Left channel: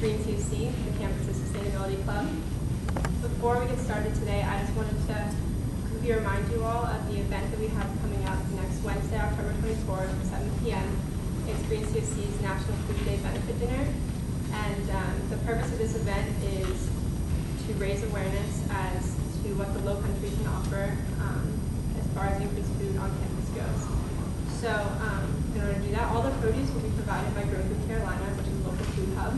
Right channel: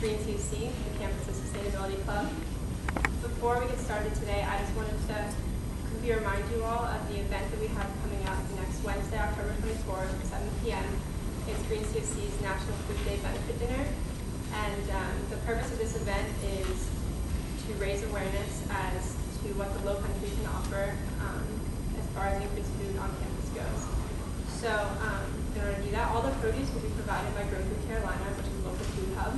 Green CFC, the campus's sustainability club. Before we get started today, I just wanted to quickly remind you all of the event that we have coming up next Wednesday, October 24th at 7 p.m. It's Green CFC's National Food Day Benefit Dinner. And the purpose of this event is to raise awareness as to what the Low Country can offer as far as increased food on campus goes. So in order to do that, all the produce will be provided by Grow Food Carolina, which is a local food hub.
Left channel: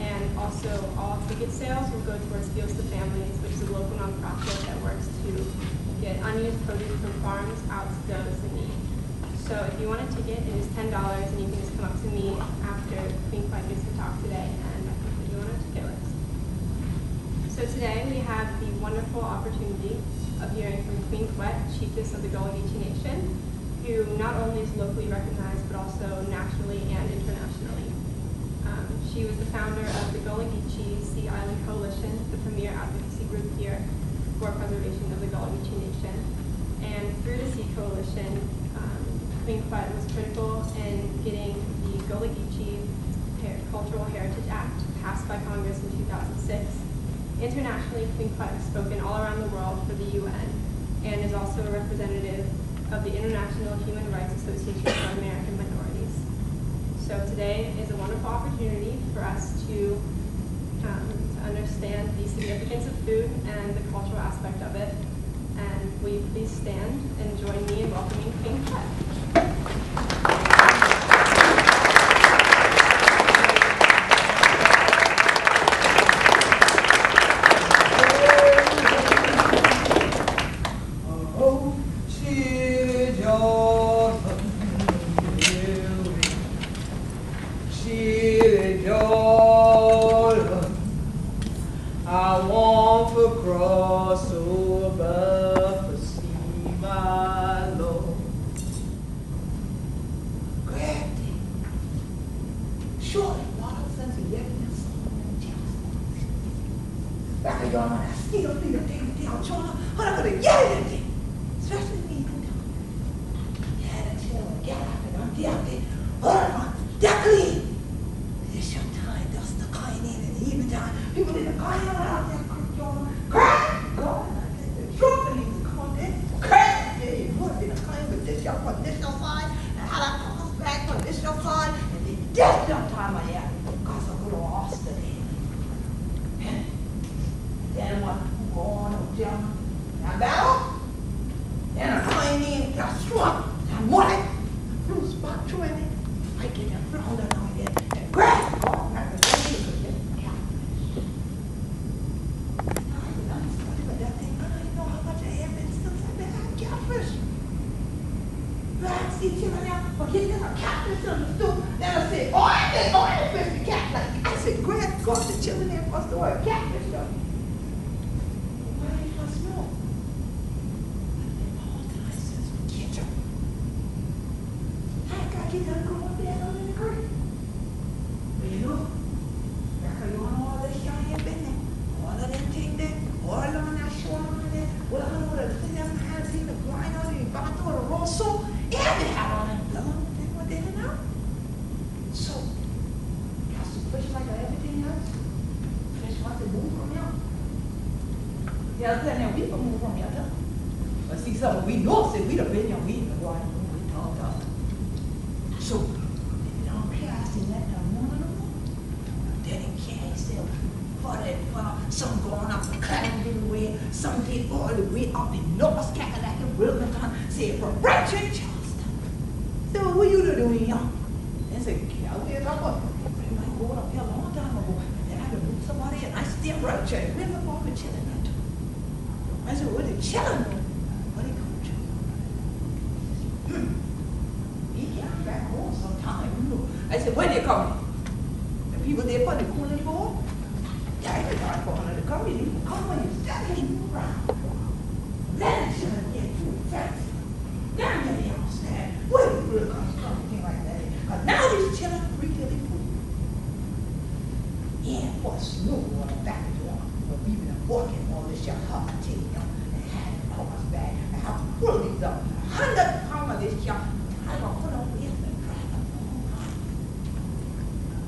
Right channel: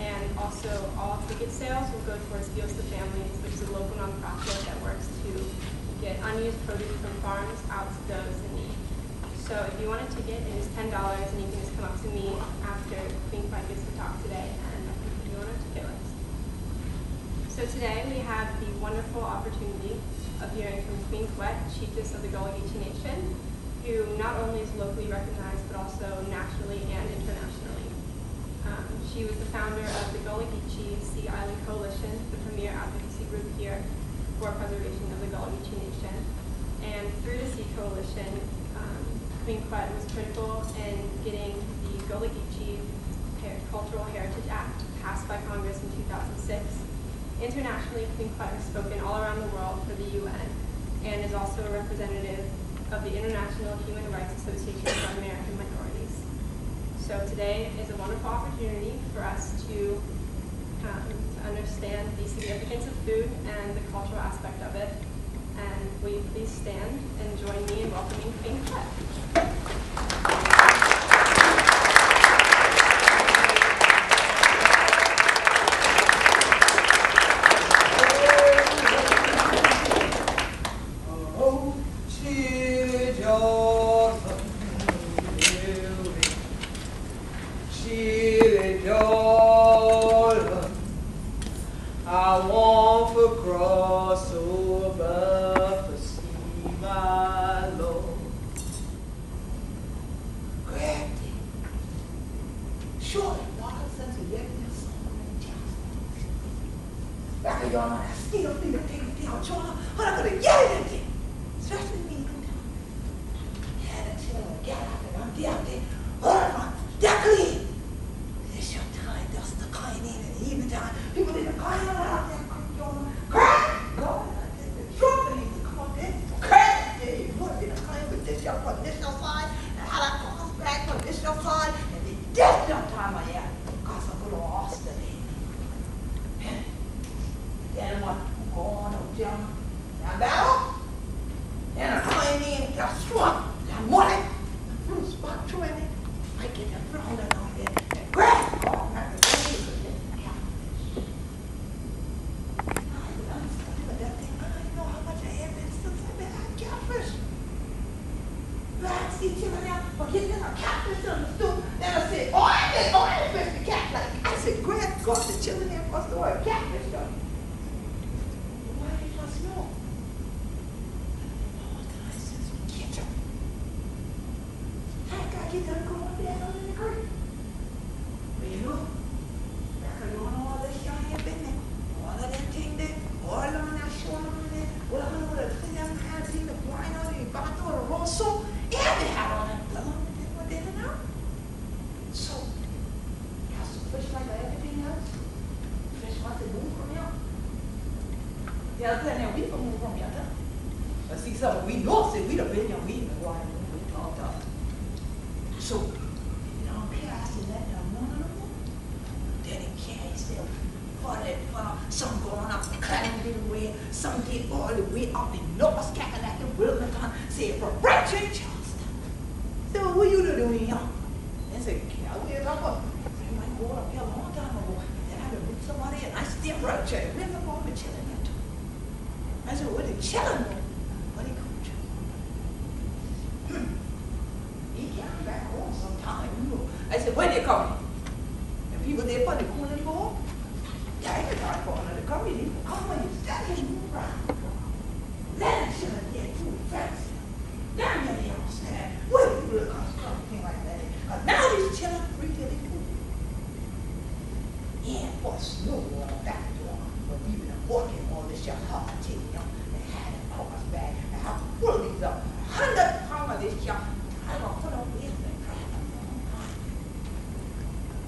And also all ticket sales will go towards Fields to Families, which is a local nonprofit that works to get unused produce from farms out to those in need. So if you want a ticket, it is $10, and you can just come up to me after Queen Quet gets to talk today, and I can put you on a ticket list. So today we have the wonderful opportunity of hearing from Queen Quet, Chieftess of the Gullah Geechee Nation, who not only is locally recognized, but also nationally and internationally. She was the founder of the Gullah Geechee Sea Island Coalition, the premier advocacy group here for preservation of the Gullah Geechee Nation. And through the Sea Coalition, Queen Quet was critical in getting the Gullah Geechee Cultural Heritage Act passed by Congress in 2006. Internationally, Queen Quet has spoken all around the world for the UN and is also a representative of the International Human Rights Association for American Minorities. So today is a wonderful opportunity for us to understand the significance of food and the cultural aspect of it. And will you please stand and join me in welcoming Queen Quet.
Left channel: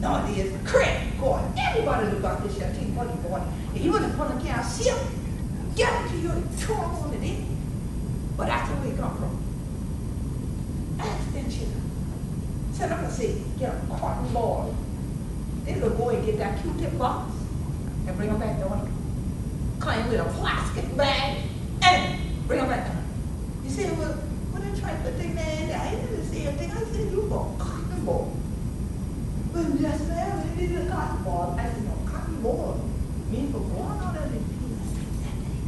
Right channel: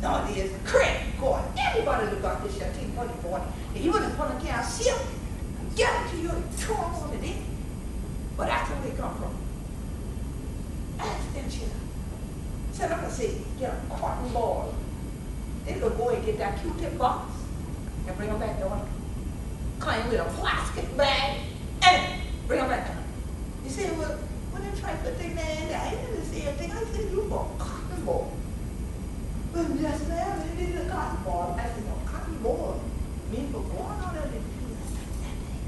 No, it is credit card. Everybody look out this shit. Take money for it. If you wouldn't put a can ship, get it to you and throw on it in. But that's where they come from. Ask them shit. So I'm gonna say, get a cotton ball. They gonna go and get that Q-tip box and bring them back down. Come with a plastic bag and bring them back down. You say, well, what they try to put thing there? I didn't say a thing. I said, you want a cotton ball. Well, yes, ma'am, it is a cotton ball. I said, no, cotton ball. Me for going on that and feel that day.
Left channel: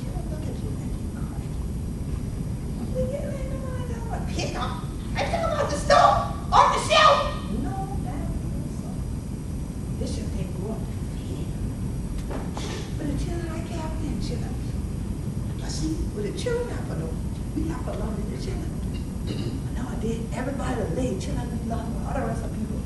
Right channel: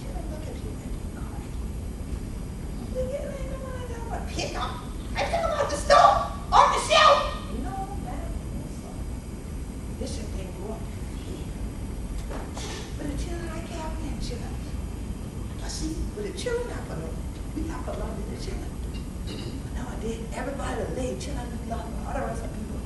Should I look at you and think, God, we get like no one I got a pick up. I took them out the store, off the shelf. No, that ain't so. This should take go up here. But the children I can't have children. I see, with the children I for them, we have to love the children. Nowadays, everybody lay children with love all the rest of people.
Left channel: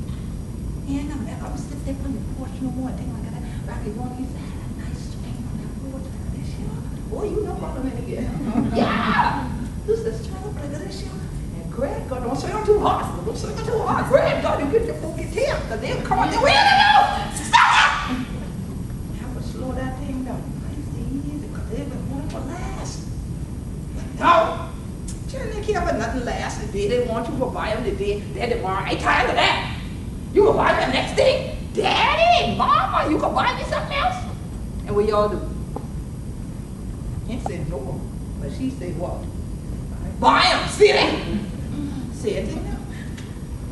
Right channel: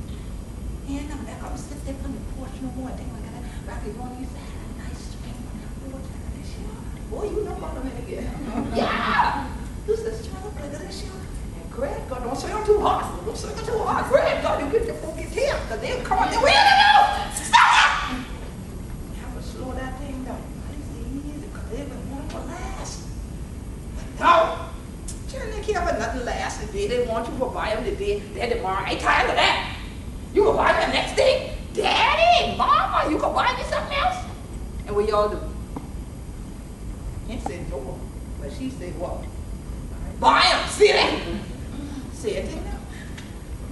And I'm back, I'm sit there on the porch no more, thing like that. Back in one, used to have a nice swing on that porch like this year. Boy, you know about them again. Yeah! This is trying to play this year. And Greg, God, don't swing them too hard. Don't swing them too hard. Greg, God, you get your focus here. Because they'll come on the way to know. Stop it! You have to slow that thing down. Nice and easy, because they've been wanting to last. But no! Children, they care about nothing last today. They want you to buy them today, then tomorrow. I ain't tired of that. You can buy me the next thing. Daddy, Mama, you can buy me something else. And what y'all do? He said no, but she said what? Buy them, see that? Say it didn't know.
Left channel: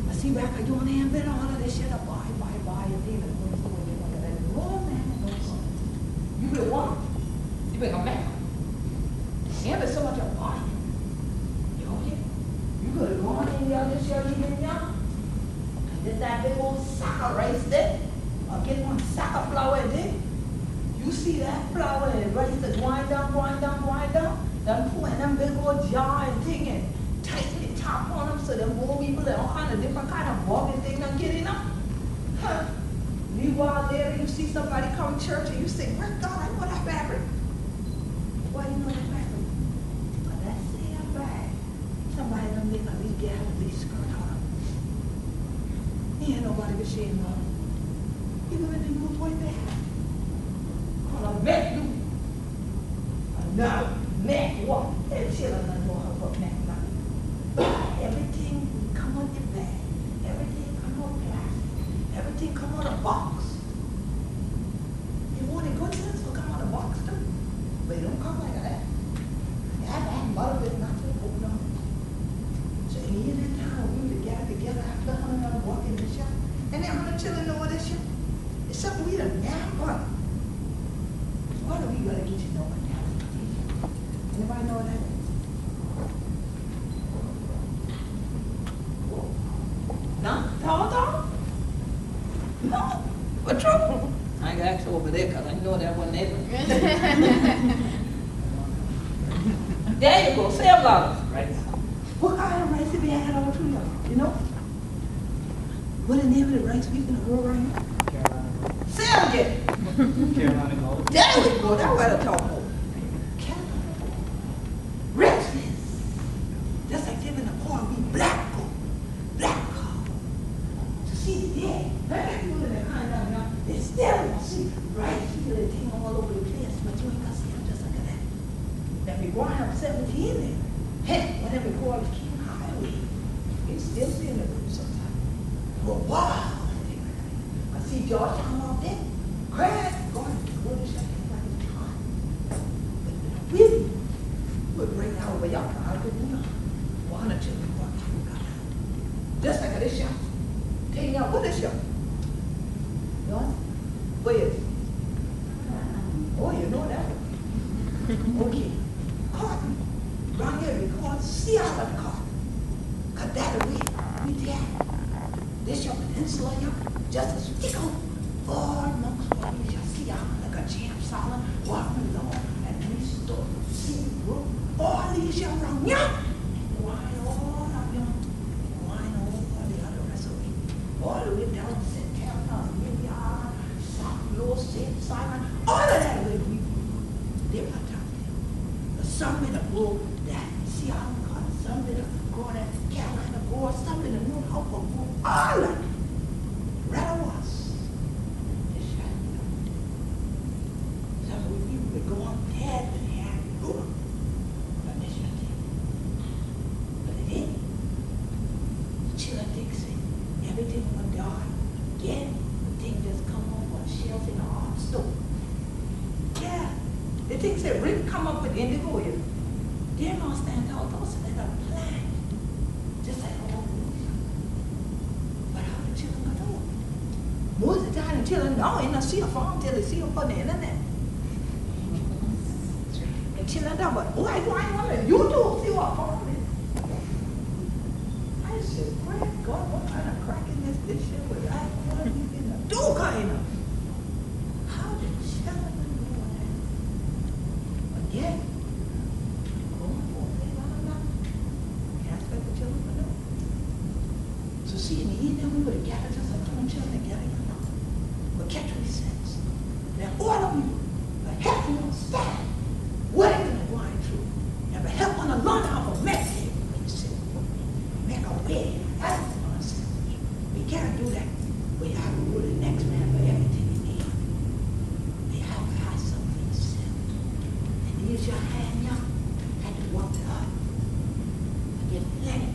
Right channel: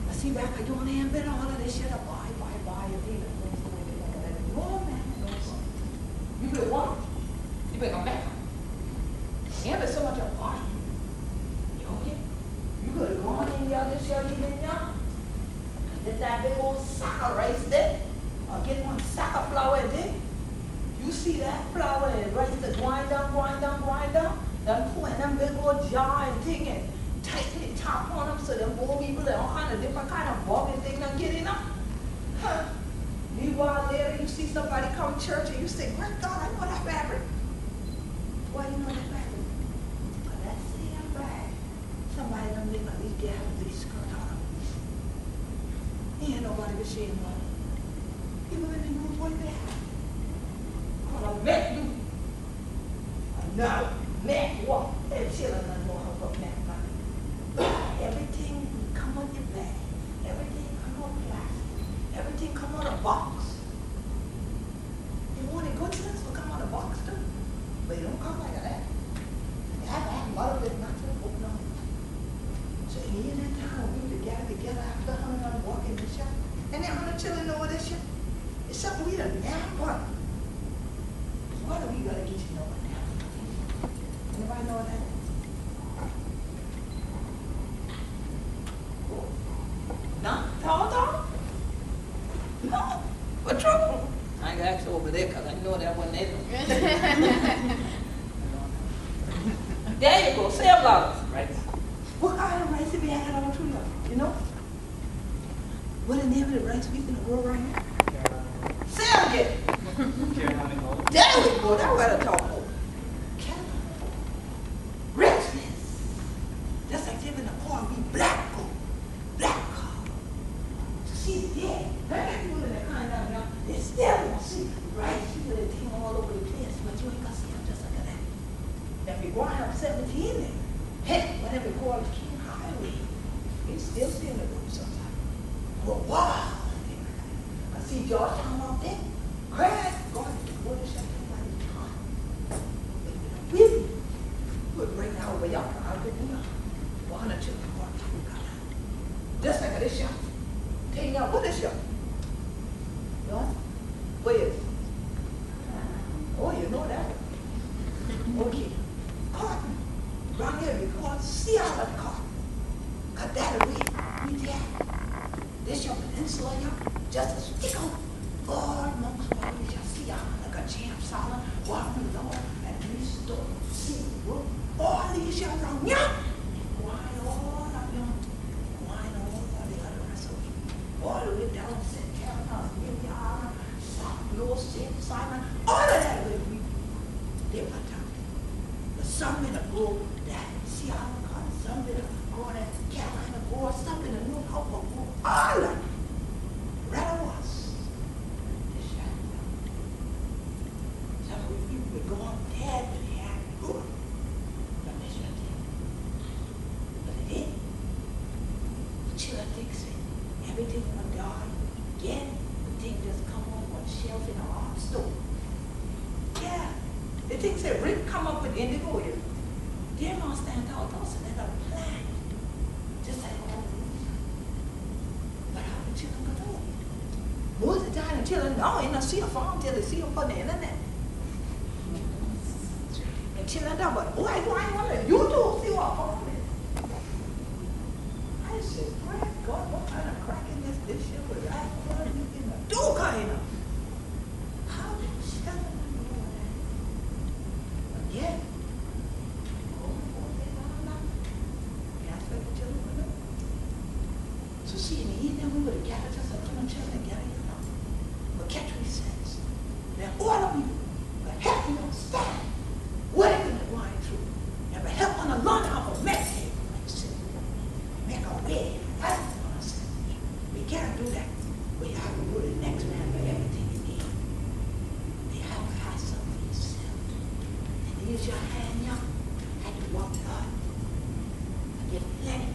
I see back I doing hand been all of this shit. Buy, and then it goes the way they look at it. No, man, no. You better want it. You better come back. And there's so much of buy. You could have gone in there this year, even young. Get that big old sack of rice there, or get one sack of flour there. You see that flour and rice that wind down, then pour in them big old jar and thing and tighten the top on them so them old people and all kind of different kind of bug and thing don't get in them. Huh. Meanwhile later you see somebody come to church and you say, great God, I know that fabric. Why you know that fabric? Because that same bag, somebody done make a least get out of these skirt out of. Ain't nobody be ashamed of it. Even when they use what they have. Call a Mac do. No, Mac what? That children don't know how to put Mac nothing. Everything come on your bag. Everything come on plastic. Everything come on a box. You want a good sense will come on a box too. But it don't come like that. That mother bit not to open up. So in that time we were together after 100 on walking this year. And then 100 children know this year. It's something we done nap on. What do we gotta get you know what nap is? Anybody know what that is? No? Dog? No? What trouble? I ain't gonna ask over there because I know that wasn't it. There you go, $7. Right. What kind of rice have you had all through you know? What the name of the rice we gonna grow right here? Carolina Gold. Say it again. Carolina Gold. There we go, that's what I talk about. Carolina Gold. Richness. Just like them in the corn, we black gold. Black gold. To see the dead. That people in the kind of now, they still won't see rice. People that thing all over the place, but you ain't gonna see them just like that. Now we grind up 17 there. Heck, whatever we call it, King Highway. You still see in the room sometimes. Well, wow. I see Georgetown out there. Crash, going to go to shut everybody's time. But we would bring out where y'all can argue, you know. One or two, just like this shot. Tell you now, what is shot? You know? Where is it? Oh, you know that one. Okay. Cotton. Around here we call it sea island cotton. Cut that away. We there. This your peninsula here, just a stick out. All amongst what we shall see island like a jam salad, walking along, and we start sea brook. All these shall around here. Wine all up here. Wine all the other rest of it. All the way down to St. Helena, New York, South Low, St. Simon, all of that way we live on top there. But some in a grow that sea island cotton, some in a grow that Carolina grow, some in a New York grow, all of it. was in an art store. Yeah. The thing said, Rick come up with indigo here. They're going to stand tall, so they're going to plan. Just like all the movies. But how the children going to do it? Most of the time, the children don't even see a farm till they see them on the internet. And children don't, but why do I want to YouTube see what farm is? I said, great God, what kind of cracking this shit was I want to be in the do kind of? How did children know that? Again, going for it, can't expect the children to know. So see, in the evening, we would have gathered just like come children together, you know. But catch what he says. Now, all of you will help you understand what is going to go on through. And will help on the learn how to make it. He said, make a way. That's what I said. We can't do that. We have to go to the next man for everything you need. We have to have something for yourself. And use your hand, y'all. Had to walk it up. And get plenty.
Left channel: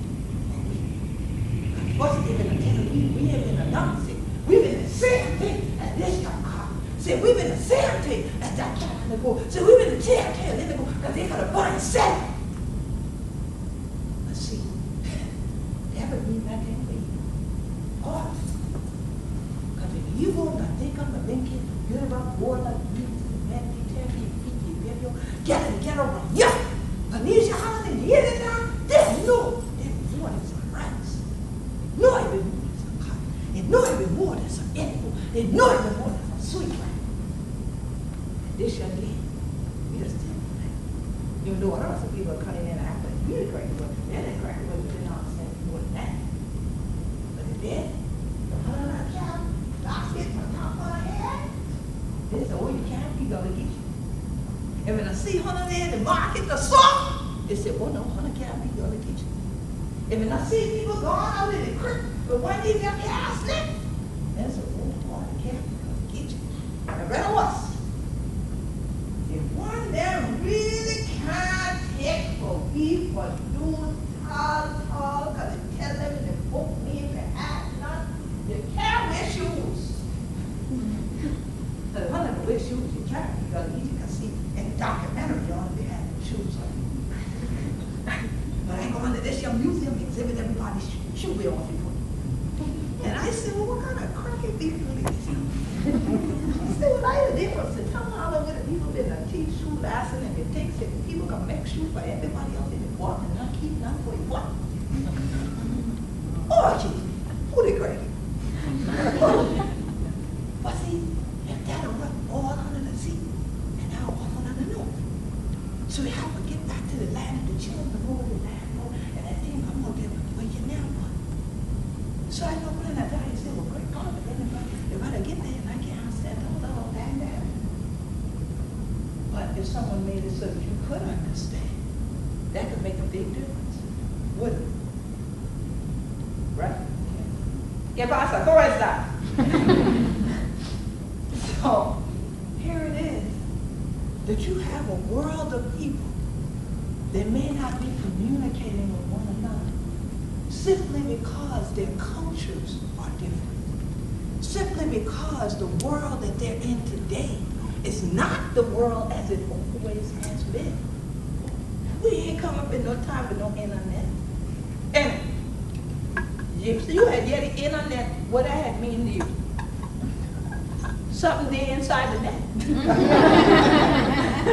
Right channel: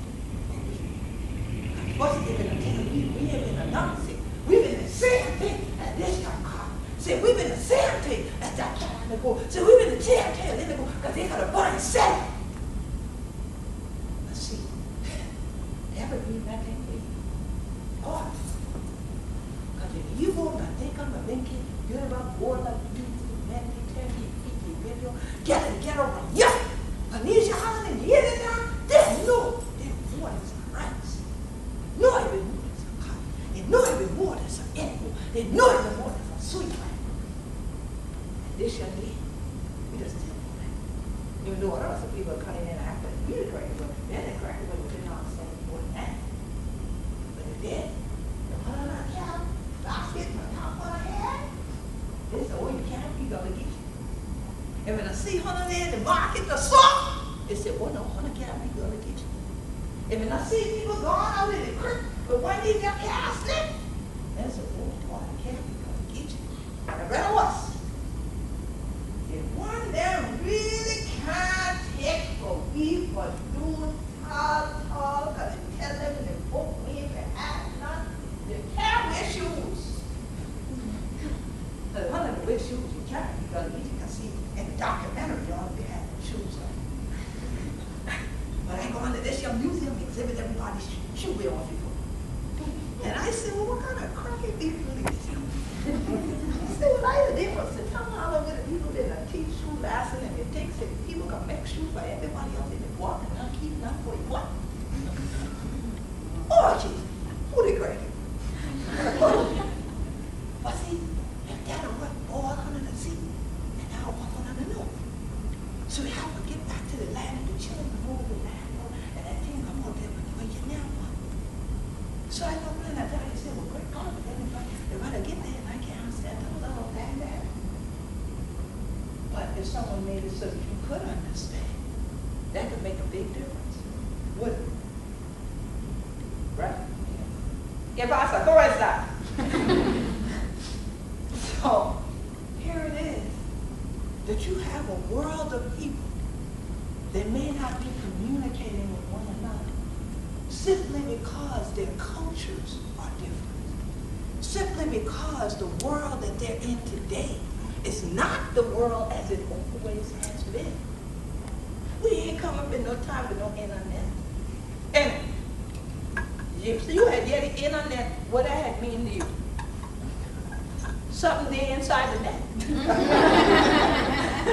What's it been a tell you? We have been another thing. We've been the same thing as this young car. Say, we've been the same thing as that car in the go. Say, we've been the same thing in the go because they got a bunch of selling. Let's see. That would mean that thing for you. Oh. Because if you go to think I'm a thinking, you're about board like you, man, you tell me, you video, get around. Yeah. But these your holiday, you hear that now? They know they're more than some rights. They know they've been more than some cotton. They know they've been more than some animal. They know they've been more than some sweet plant. And this young lady, we just tell them that. Even though other people are coming in and act like we're crazy, but they're not crazy, but they're not saying more than that. But if they're the one on our cow, basket, my top on her head, they say, oh, you can't be gonna get you. And when I see Hunter there in the market, the song, they say, oh no, Hunter can't be gonna get you. And when I see people going out in the creek, but one of these young cows slip, they say, oh boy, I can't be gonna get you. And better us. If one them really can't take for we for doing tall, because it tell them in the book, we ain't have none, you can't wear shoes. So one of the wear shoes you can't, because you can see in the documentary, you only had no shoes on. But I go into this young museum exhibit everybody's shoe wear on people. And I said, well, what kind of cracky people is this? I said, well, I the difference. And tell me all over the people that teach shoe lesson and it takes it. People can make shoes for everybody else in the world and not keep none for you. What? Oh, geez. Who they cracky? But see, if that will work all under the sea and now off under the north. So we have to get back to the land and the children know the land and that thing come out there where you now want. So I know when I die, you say, well, great God, but then if I get there and I can't understand all that. But if someone made it so that you could understand, that could make a big difference. Would it? Right? ¿Qué pasa? ¿Cómo está? So, here it is, that you have a world of people that may not be communicating with one another simply because their cultures are different. Simply because the world that they're in today is not the world as it always has been. We ain't come up in no time with no internet. And if you had yet the internet, what that had mean to you? Something there inside the net.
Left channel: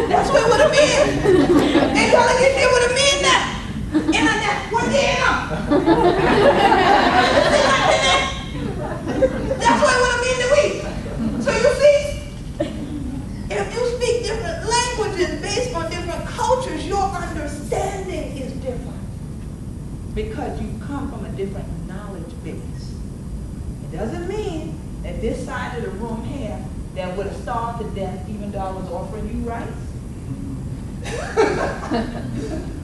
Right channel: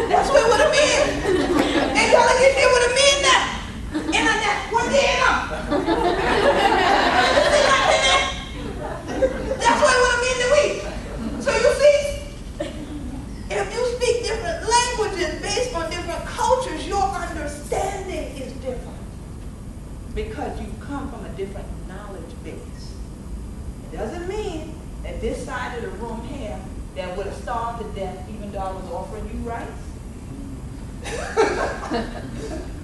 That's what it would have been. And y'all get there would have been that. Internet, what the hell? That's what it would have been to we. So you see, if you speak different languages based on different cultures, your understanding is different. Because you come from a different knowledge base. It doesn't mean that this side of the room here that would have starved to death even though I was offering you rice.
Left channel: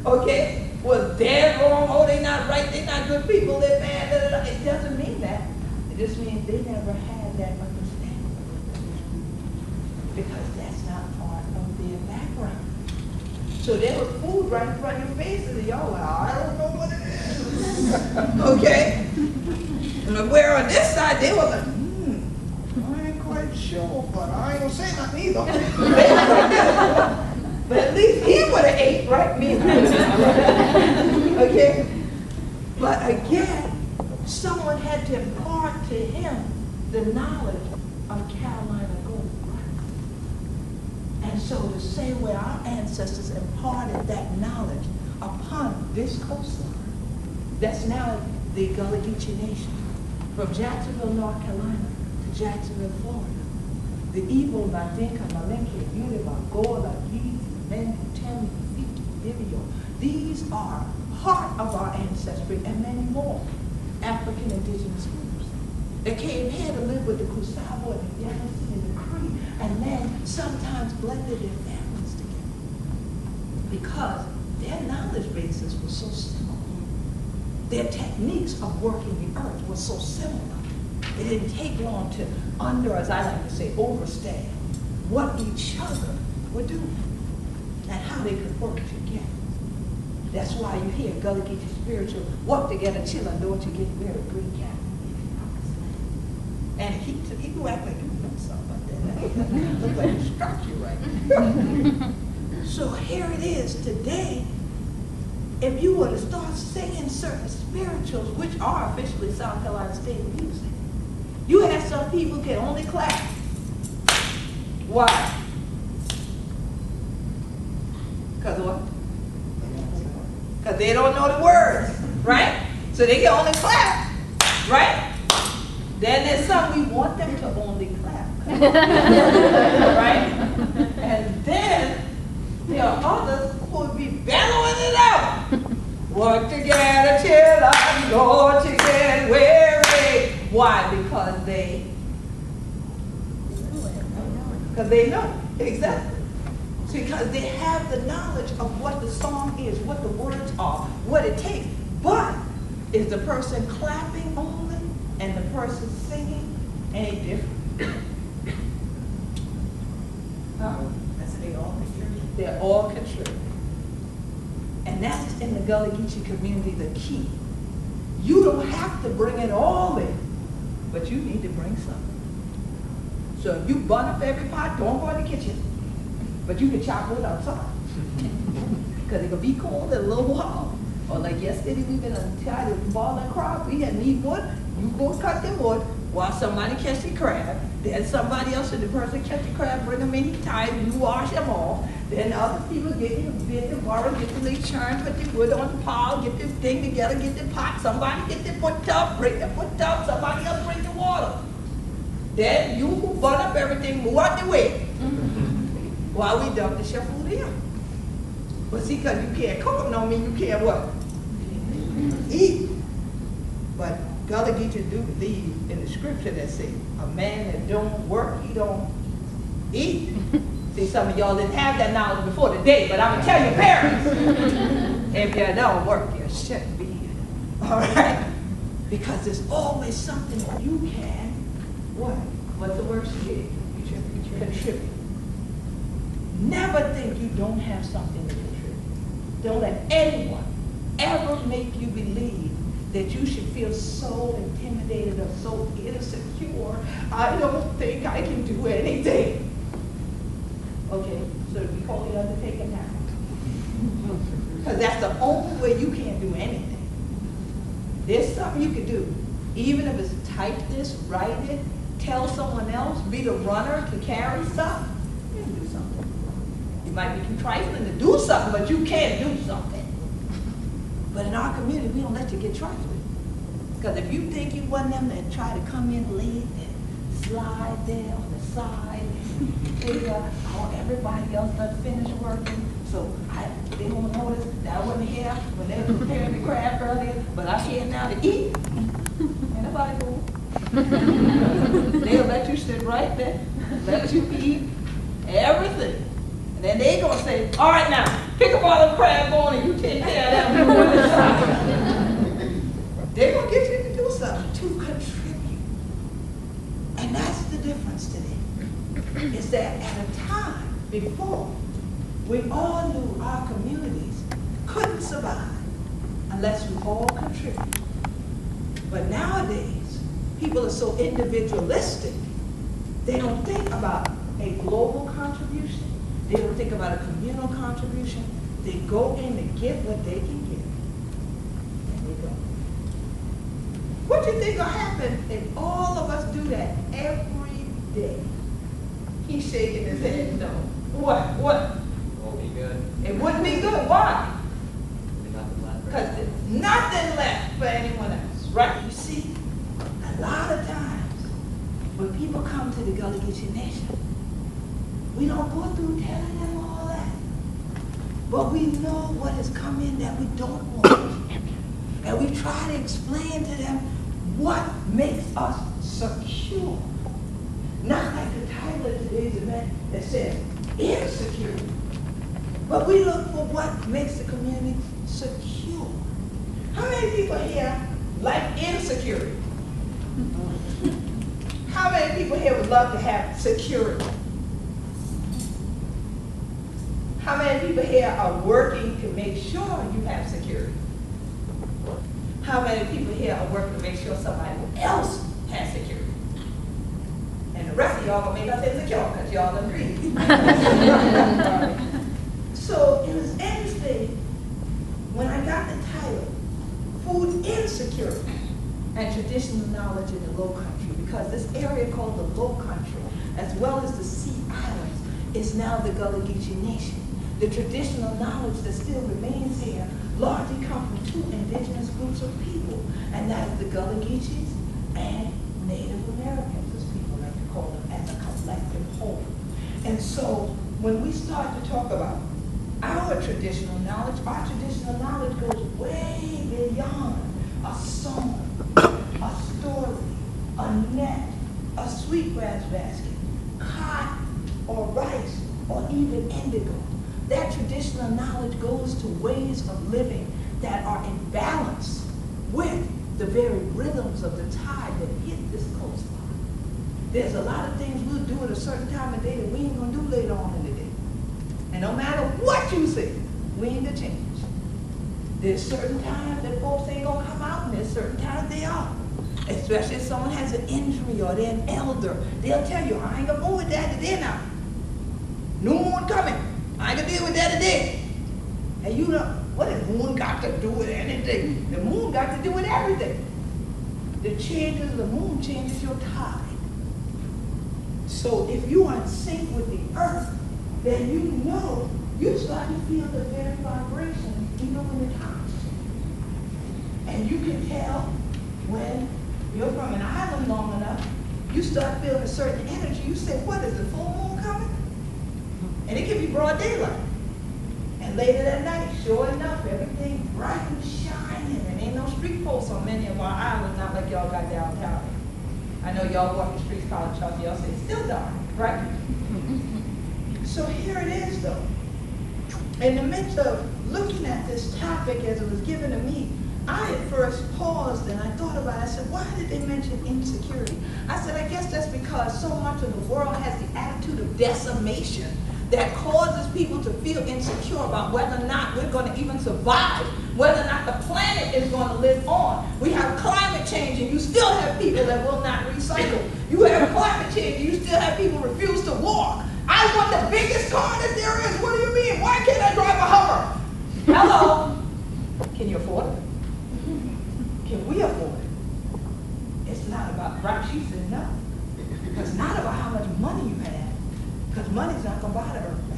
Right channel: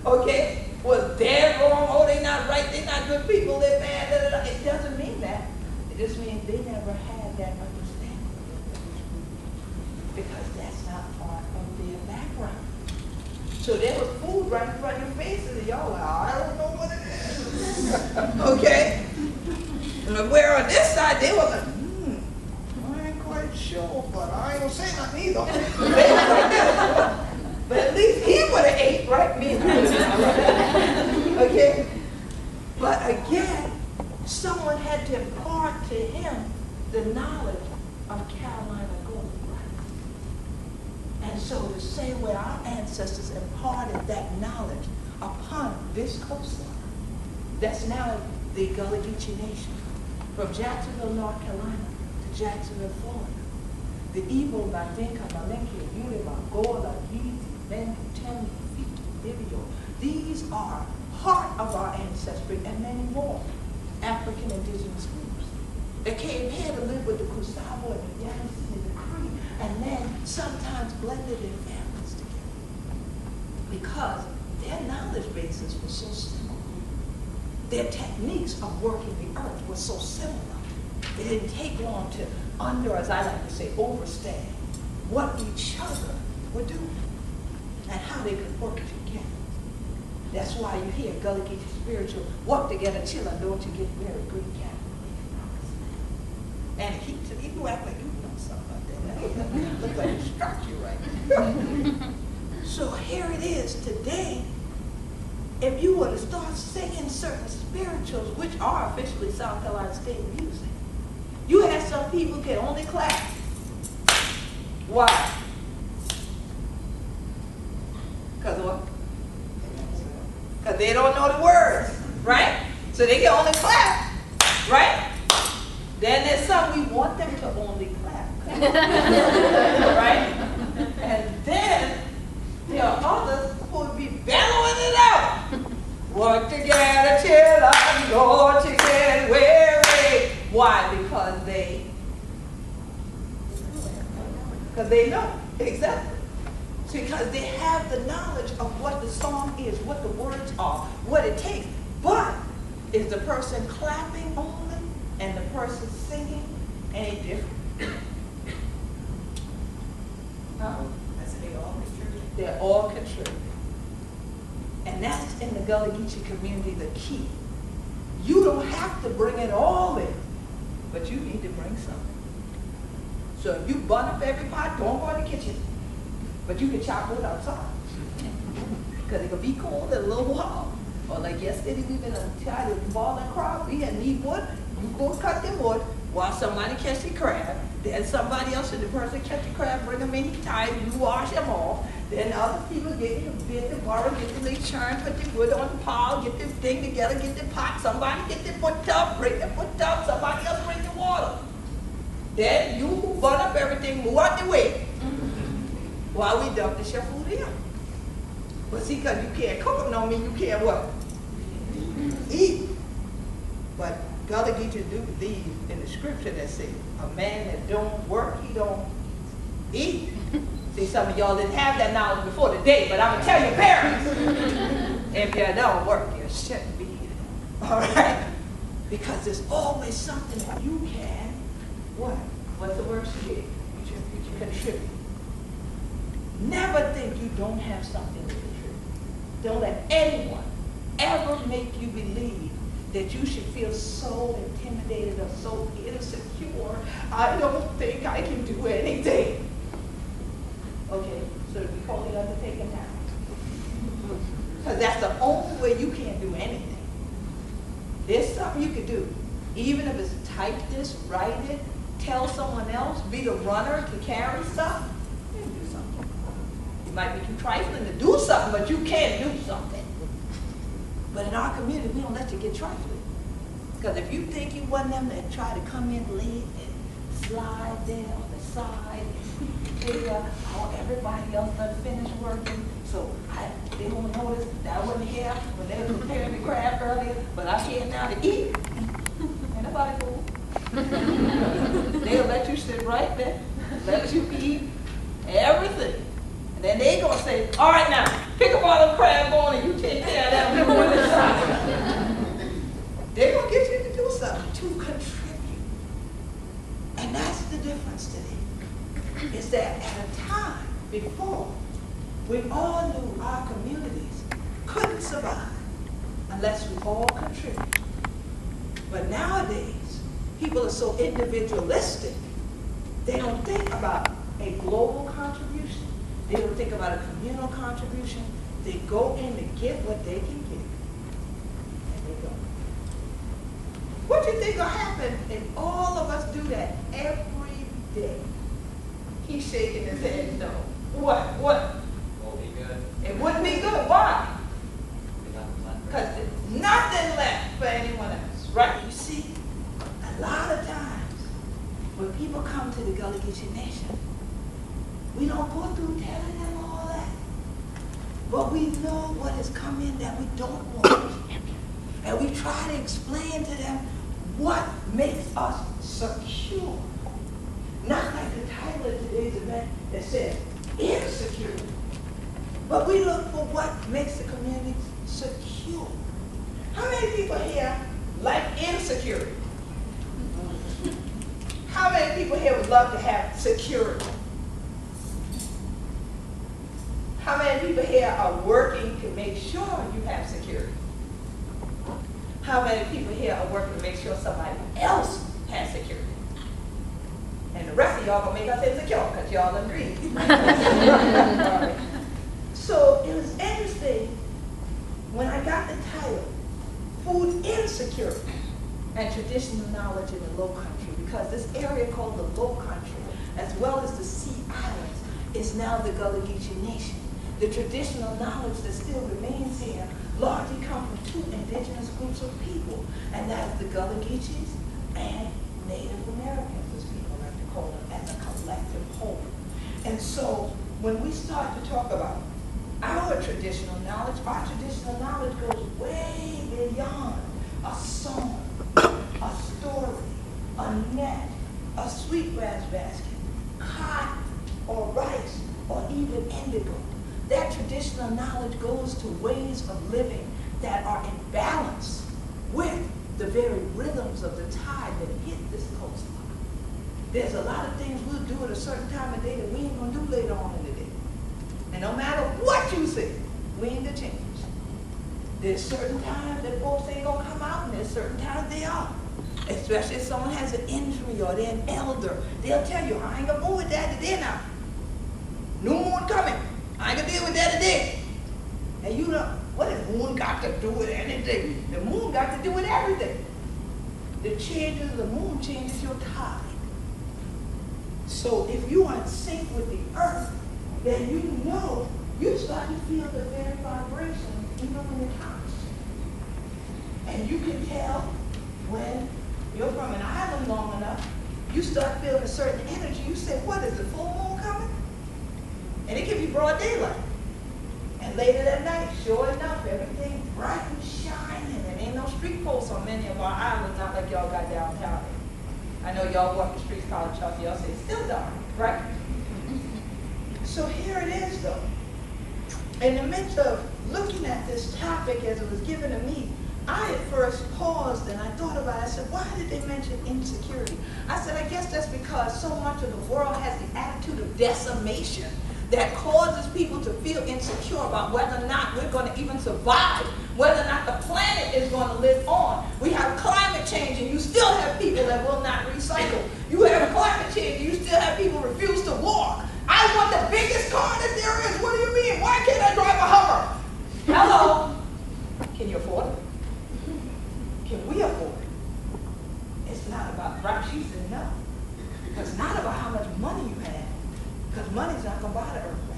Okay? Was they wrong? Oh, they not right, they not good people, they're bad. It doesn't mean that. It just means they never had that understanding. Because that's not part of their background. So there was food right in front of your faces and y'all like, I don't know what it is. Okay? And where on this side, they were like, I ain't quite sure know, but I ain't gonna say nothing either. But at least he would have ate, right? Me. Okay? But again, someone had to impart to him the knowledge of Carolina gold, right? And so the same way our ancestors imparted that knowledge upon this coastline, that's now the Gullah Geechee Nation, from Jacksonville, North Carolina to Jacksonville, Florida. The Igbo, Nadinka, Malenke, Yoruba, Gullah, Geechee, Mendi, Temi, Fiki, Bibio. These are part of our ancestry and many more African indigenous groups that came here to live with the Kusabo and the Yamasee and the Cree, and then sometimes blended their families together because their knowledge bases were so similar. Their techniques of working the earth were so similar. It didn't take long to as I like to say, understand what each other were doing and how they could work together. That's why you hear Gullah Geechee spiritual, work together, chill, and don't you get married, green cat. And he do act like you know something about that. That look like he struck you right. So here it is today. If you were to start singing certain spirituals, which are officially South Carolina state music, you have some people can only clap. Why? Because what? Because they don't know the words, right? So they can only clap, right? Then there's some we want them to only clap, right? And then there are others who would be bellowing it out. Work together till I'm going to get weary. Why? Because they know, exactly. Because they have the knowledge of what the song is, what the words are, what it takes. But is the person clapping only and the person singing any different? Huh? I said they all contribute. They're all contributing. And that's in the Gullah Geechee community the key. You don't have to bring it all in, but you need to bring something. So if you burn up every pot, don't go in the kitchen. But you can chop wood outside. Because it can be cold in a little while. Or like yesterday, we've been tired of balling crop. We had need wood. You go cut the wood while somebody catch the crab. Then somebody else, and the person catch the crab, bring them in, he tied, you wash them off. Then other people get in the bit, the borrow, get the little churn, put the wood on the pile, get the thing together, get the pot. Somebody get the foot tub, bring the foot tub, somebody else bring the water. Then you who burn up everything, move out the way. While we dump the chef food in. But see, because you can't cook them, don't mean you can't what? Eat. But Gullah Geechee do believe in the scripture that says, a man that don't work, he don't eat. See, some of y'all didn't have that knowledge before today, but I'm going to tell your parents, if you don't work, you shouldn't be eating. All right? Because there's always something that you can, what? What's the word she gave? Contribute. Never think you don't have something to contribute. Don't let anyone ever make you believe that you should feel so intimidated or so insecure. I don't think I can do anything. Okay, so we call the undertaker now. Because that's the only way you can't do anything. There's something you can do. Even if it's type this, write it, tell someone else, be the runner to carry stuff, you can do something. It might be too trifling to do something, but you can do something. But in our community, we don't let you get trifling. Because if you think you want them to try to come in late and slide there on the side, figure how everybody else done finished working, so they won't notice that I wasn't here when they were preparing the crab earlier, but I'm here now to eat. Ain't nobody fool. They'll let you sit right there, let you eat everything. And then they gonna say, all right now, pick up all the crab bone and you take care of that. They're gonna get you to do something, to contribute. And that's the difference today. Is that at a time before, we all knew our communities couldn't survive unless we all contribute. But nowadays, people are so individualistic They don't think about a global contribution. They don't think about a communal contribution. They go in to get what they can get, and they go. What do you think will happen if all of us do that every day? He's shaking his head no. What? Won't be good. It wouldn't be good. Why? There'll be nothing left. Because there's nothing left for anyone else, right? You see, a lot of times when people come to the Gullah Geechee Nation, we don't go through telling them all that. But we know what has come in that we don't want. And we try to explain to them what makes us secure. Not like the title of today's event that says insecurity. But we look for what makes the community secure. How many people here like insecurity? How many people here would love to have security? How many people here are working to make sure you have security? How many people here are working to make sure somebody else has security? And the rest of y'all gonna make us insecure because y'all agree. So it was interesting when I got the title, Food Insecurity and Traditional Knowledge in the Low Country, because this area called the Low Country, as well as the Sea Islands, is now the Gullah Geechee Nation. The traditional knowledge that still remains here largely comes from two indigenous groups of people, and that is the Gullah Geechees and Native Americans, as people like to call them, as a collective whole. And so when we start to talk about our traditional knowledge goes way beyond a song, a story, a net, a sweetgrass basket, cotton or rice, or even indigo. That traditional knowledge goes to ways of living that are in balance with the very rhythms of the tide that hit this coastline. There's a lot of things we'll do at a certain time of day that we ain't gonna do later on in the day. And no matter what you say, we ain't gonna change. There's certain times that folks ain't gonna come out, and there's certain times they are. Especially if someone has an injury or they're an elder. They'll tell you, I ain't gonna move with that today now. New moon coming. I ain't gonna deal with that today. And you know, what has moon got to do with anything? The moon got to do with everything. The changes of the moon changes your tide. So if you are in sync with the earth, then you know you start to feel the very vibration even when the tides change. And you can tell when you're from an island long enough, you start feeling a certain energy. You say, what is the full moon coming? And it can be broad daylight. And later that night, sure enough, everything bright and shining. And ain't no street posts on many of our islands, not like y'all got downtown. I know y'all walk the streets, College of Charleston, y'all say it's still dark, right? So here it is, though. In the midst of looking at this topic as it was given to me, I at first paused and I thought about it. I said, why did they mention insecurity? I said, I guess that's because so much of the world has the attitude of decimation that causes people to feel insecure about whether or not we're going to even survive, whether or not the planet is going to live on. We have climate change and you still have people that will not recycle. You have climate change and you still have people refuse to walk. I want the biggest car that there is. What do you mean? Why can't I drive a Hummer? Hello? Can you afford it? Can we afford it? It's not about, right? She said no. It's not about how much money you have, because money's not going to buy the earth back.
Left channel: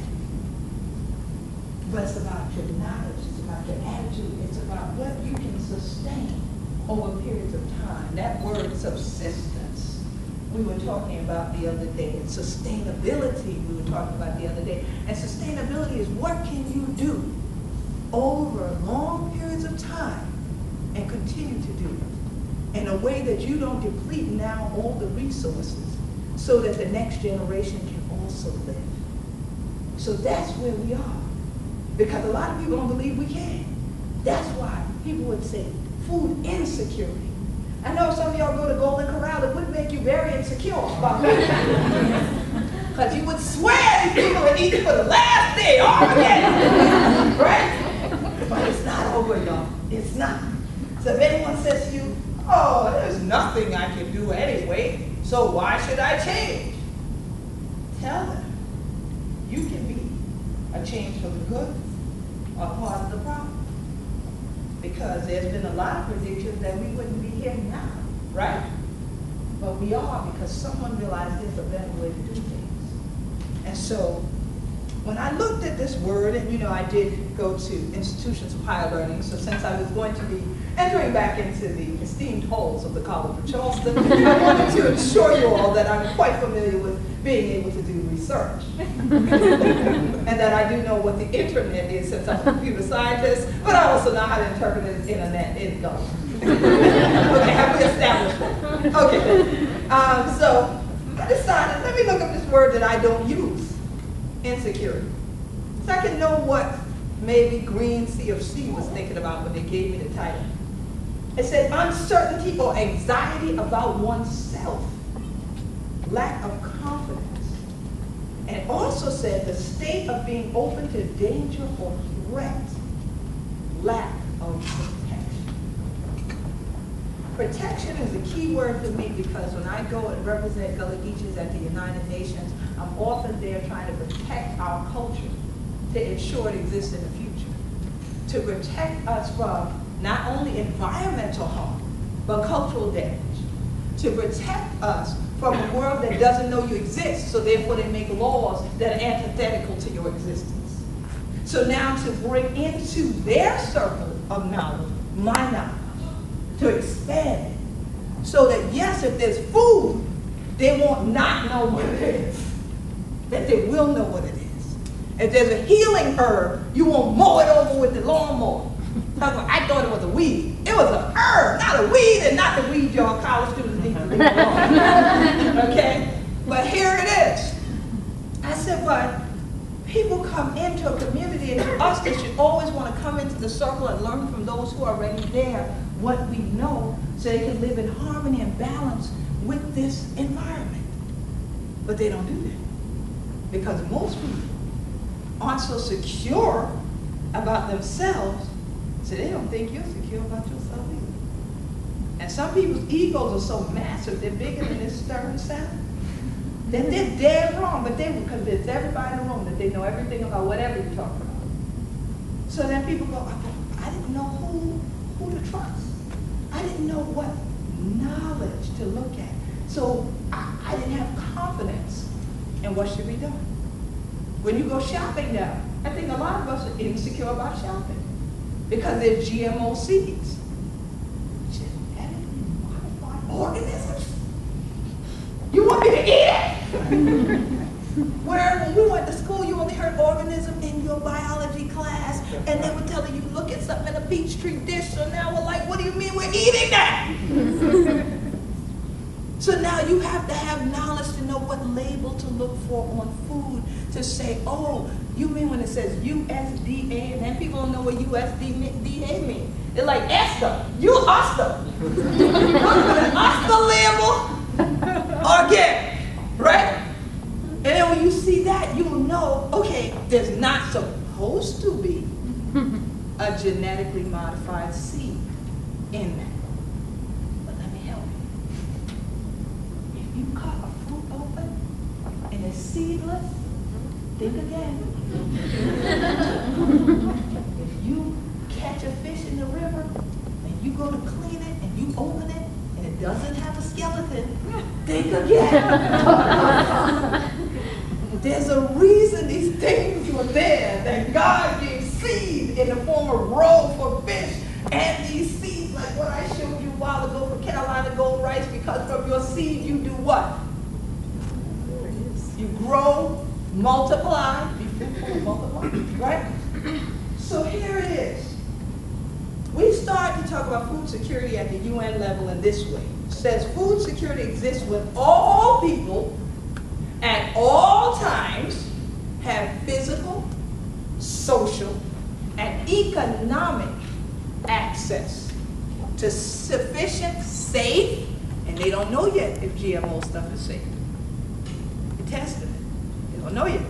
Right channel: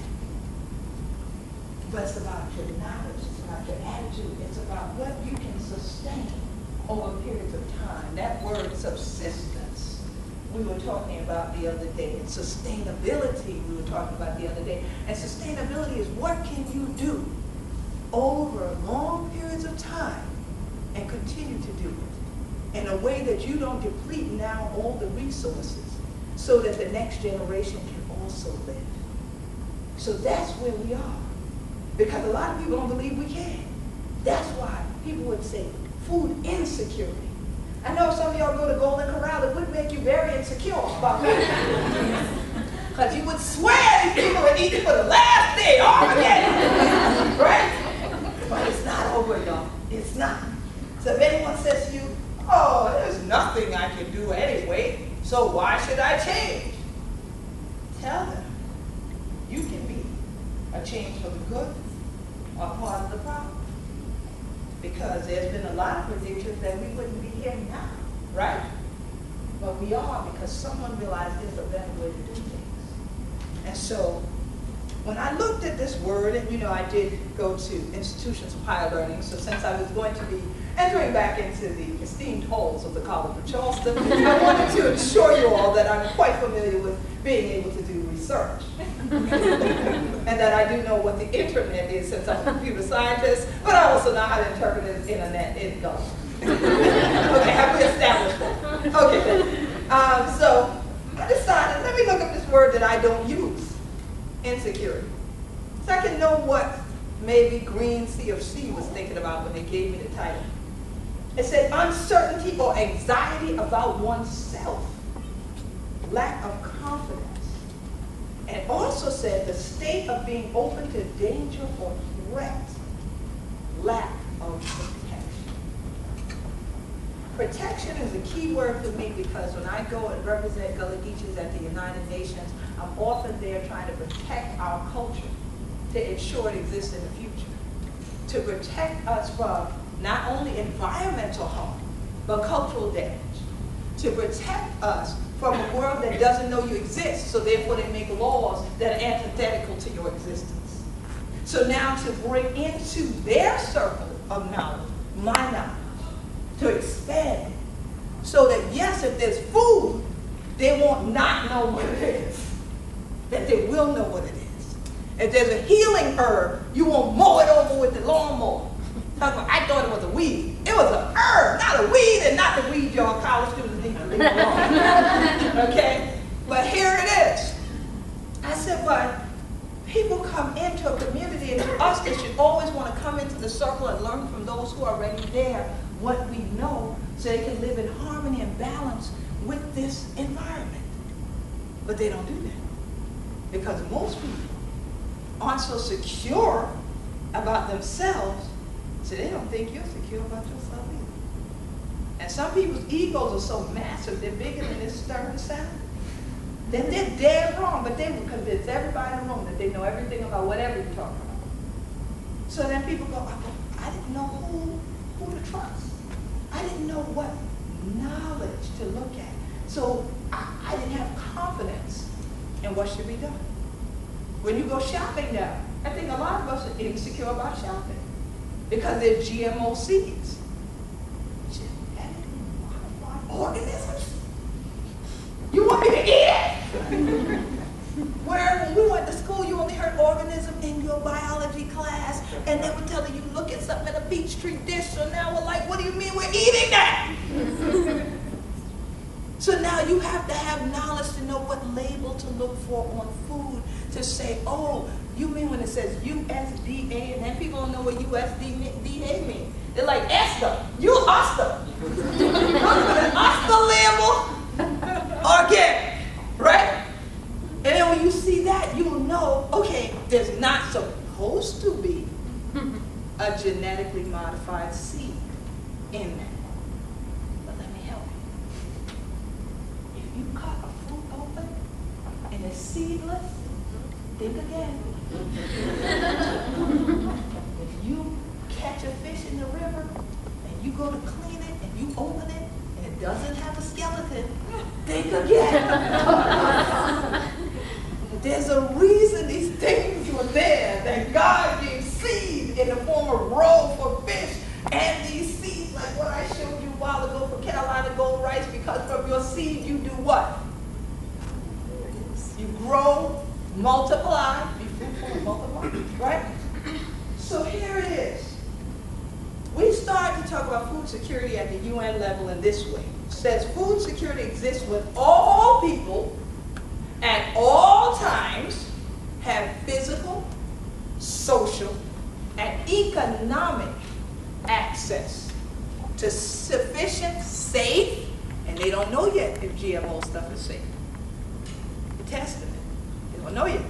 But it's about your knowledge, it's about your attitude, it's about what you can sustain over periods of time. That word subsistence, we were talking about the other day, and sustainability we were talking about the other day. And sustainability is what can you do over long periods of time and continue to do it in a way that you don't deplete now all the resources so that the next generation can also live. So that's where we are. Because a lot of people don't believe we can. That's why people would say food insecurity. I know some of y'all go to Golden Corral, it would make you very insecure about food. Because you would swear these people would eat for the last day, Armageddon. Right? But it's not over, y'all. It's not. So if anyone says to you, oh, there's nothing I can do anyway, so why should I change? tell them you can be a change for the good or part of the problem. Because there's been a lot of predictions that we wouldn't be here now, right? But we are, because someone realized there's a better way to do things. And so when I looked at this word, and you know, I did go to institutions of higher learning, so since I was going to be entering back into the esteemed halls of the College of Charleston, I wanted to assure you all that I'm quite familiar with being able to do research. And that I do know what the internet is, since I'm a computer scientist, but I also know how to interpret the internet in Gullah. Okay, have we established that? Okay, so I decided, let me look up this word that I don't use, insecurity. So I can know what maybe Green CFC was thinking about when they gave me the title. It said uncertainty or anxiety about oneself, lack of confidence. And it also said the state of being open to danger or threat, lack of protection. Protection is a key word for me, because when I go and represent Gullah Geechees at the United Nations, I'm often there trying to protect our culture to ensure it exists in the future. To protect us from not only environmental harm, but cultural damage. To protect us from a world that doesn't know you exist, so therefore they make laws that are antithetical to your existence. So now to bring into their circle of knowledge, my knowledge, to expand it, so that yes, if there's food, they won't not know what it is, that they will know what it is. If there's a healing herb, you won't mow it over with the lawnmower. I thought it was a weed. It was an herb, not a weed, and not the weed y'all college students need to leave alone. Okay? But here it is. I said, but people come into a community, and to us, they should always want to come into the circle and learn from those who are already there what we know, so they can live in harmony and balance with this environment. But they don't do that, because most people aren't so secure about themselves, so they don't think you're secure about yourself either. And some people's egos are so massive, they're bigger than this stern sound, that they're dead wrong, but they will convince everybody in the room that they know everything about whatever you're talking about. So then people go, I didn't know who to trust. I didn't know what knowledge to look at. So I didn't have confidence in what should be done. When you go shopping now, I think a lot of us are insecure about shopping, because they're GMO seeds. Genetically modified organisms? You want me to eat it? Where when we went to school, you only heard organism in your biology class, and they would tell you, look at something in a Peachtree dish, so now we're like, what do you mean we're eating that? So now you have to have knowledge to know what label to look for on food, to say, oh, you mean when it says USDA, and then people don't know what USDA means. They're like, Esther, you Esther. Look for the Esther label, organic, right? And then when you see that, you'll know, okay, there's not supposed to be a genetically modified seed in that. But let me help you. If you cut a fruit open and it's seedless, think again. If you catch a fish in the river and you go to clean it and you open it and it doesn't have a skeleton, think again. There's a reason these things were there, that God gave seed in the form of roe for fish, and these seeds, like what I showed you a while ago for Carolina gold rice, because from your seed you do what? You grow, multiply, be fruitful and multiply, right? So here it is. We start to talk about food security at the UN level in this way. It says food security exists when all people at all times have physical, social, and economic access to sufficient, safe, and they don't know yet if GMO stuff is safe. They're testing it. They don't know yet.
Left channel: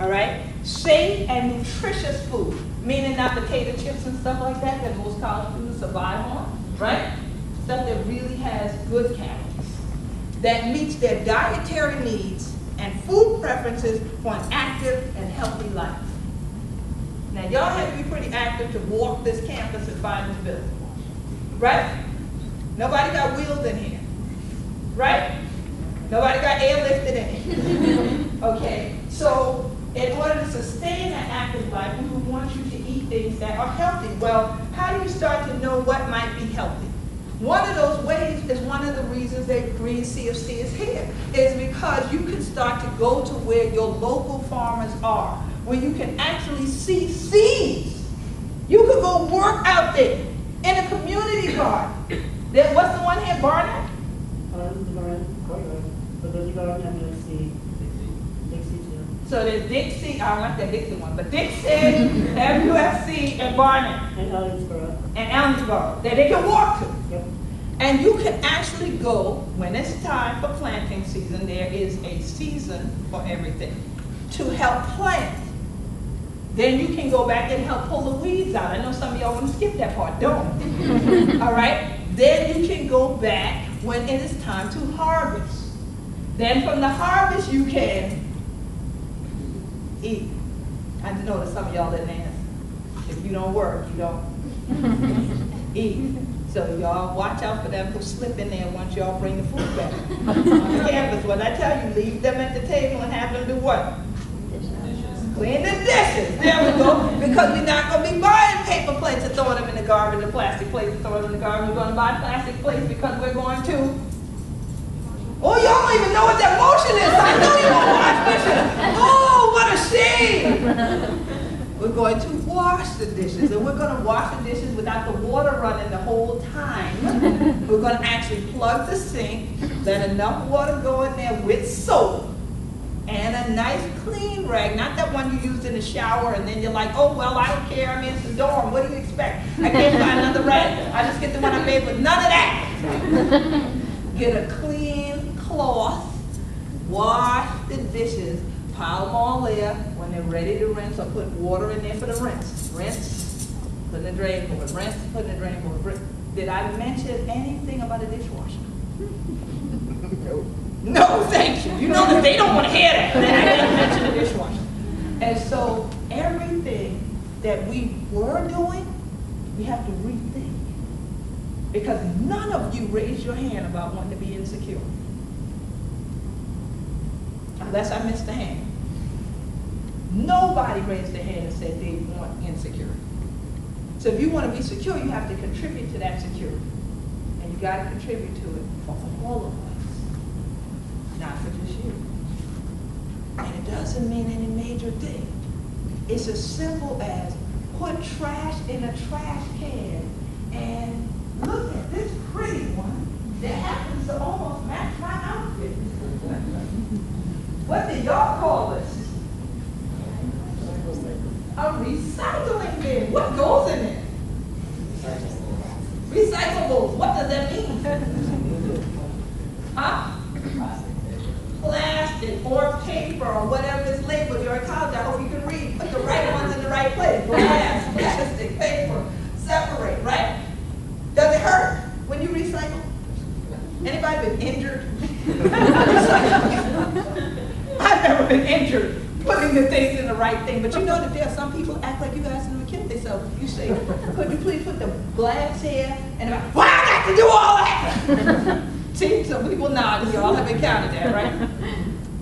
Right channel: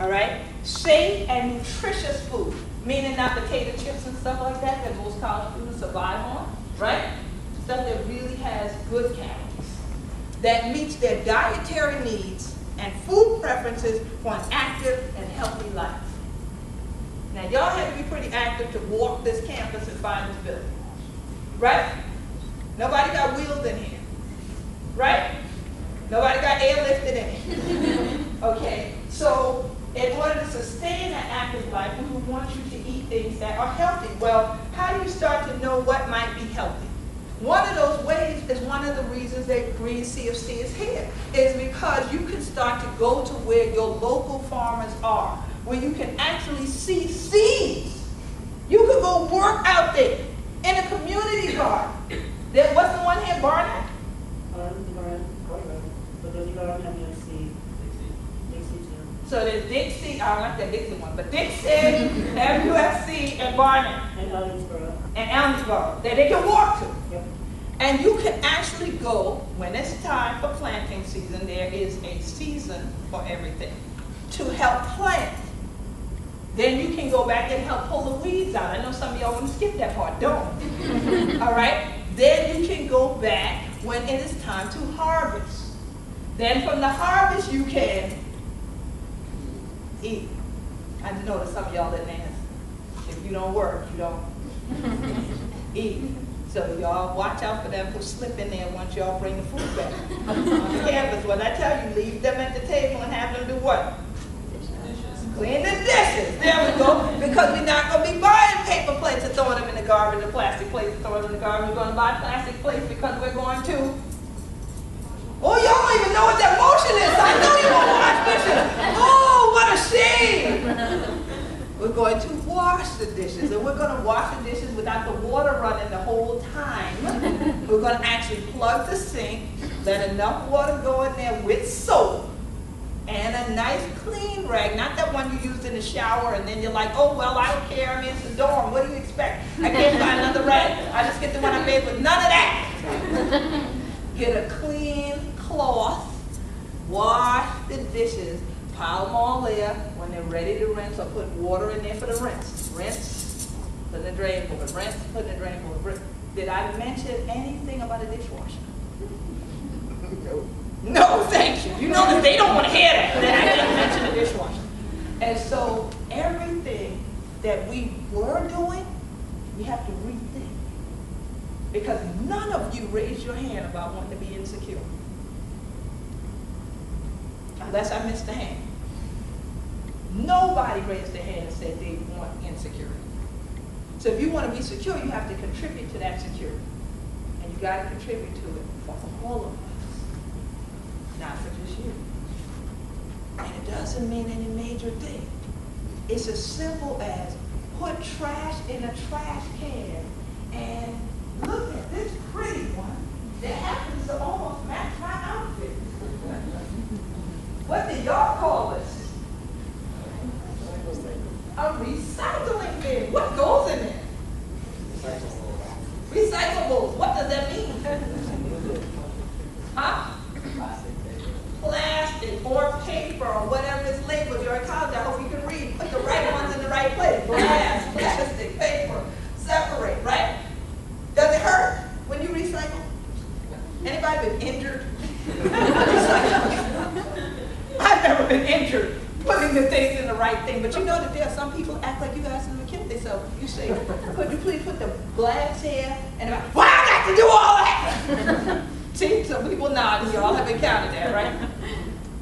All right? Safe and nutritious food, meaning not potato chips and stuff like that most college students survive on, right? Stuff that really has good calories, that meets their dietary needs and food preferences for an active and healthy life. Now, y'all had to be pretty active to walk this campus and find this building, right? Nobody got wheels in here, right? Nobody got airlifted in it. Okay, so in order to sustain an active life, we would want you to eat things that are healthy. Well, how do you start to know what might be healthy? One of those ways is one of the reasons that Green CFC is here, is because you can start to go to where your local farmers are, where you can actually see seeds. You could go work out there in a community garden. Then what's the one here, Barnett? But there's a garden and there's seed. Dixie too. So there's Dixie, I don't like that Dixie one, but Dixie, MUFC, and Barnett. And Ellensboro. And Ellensboro, that they can walk to. Yep. And you can actually go, when it's time for planting season, there is a season for everything, to help plant. Then you can go back and help pull the weeds out. I know some of y'all want to skip that part, don't. All right? Then you can go back when it is time to harvest. Then from the harvest you can eat. I know that some of y'all didn't answer. If you don't work, you don't eat. So y'all watch out for them who slip in there once y'all bring the food back on the campus. When I tell you, leave them at the table and have them do what? Clean the dishes. There we go. Because we're not going to be buying paper plates and throwing them in the garbage, or plastic plates and throwing them in the garbage. We're going to buy plastic plates because we're going to. Oh, y'all don't even know what that motion is. I know you want to wash dishes. Oh, what a shame. We're going to wash the dishes, and we're going to wash the dishes without the water running the whole time. We're going to actually plug the sink, let enough water go in there with soap, and a nice clean rag, not that one you used in the shower, and then you're like, oh, well, I don't care, I mean, it's the dorm, what do you expect? I can't find another rag. I just get the one I made with none of that. Get a clean cloth, wash the dishes, pile them all there. When they're ready to rinse, or put water in there for the rinse. Rinse, put in the drain board, rinse, put in the drain board. Did I mention anything about a dishwasher? No, thank you. You know that they don't want to hear that. Then I didn't mention the dishwasher. And so everything that we were doing, we have to rethink. Because none of you raised your hand about wanting to be insecure. Unless I missed a hand. Nobody raised their hand and said they want insecurity. So if you want to be secure, you have to contribute to that security. And you got to contribute to it for all of us, not for just you. And it doesn't mean any major thing. It's as simple as put trash in a trash can and look at this pretty one that happens to almost match my outfit. What do y'all call this? A recycling bin. What goes in there? Recyclables. What does that mean? Huh? Plastic or paper or whatever is labeled. You're in college. I hope you can read. Put the right ones in the right place. Glass, plastic, paper. Separate, right? Does it hurt when you recycle? Anybody been injured? I've never been injured putting the things in the right thing, but you know that there are some people act like you guys never killed themselves. You say, could you please put the glass here? And I'm like, why I got to do all that? See, some people nod, you all have encountered that, right?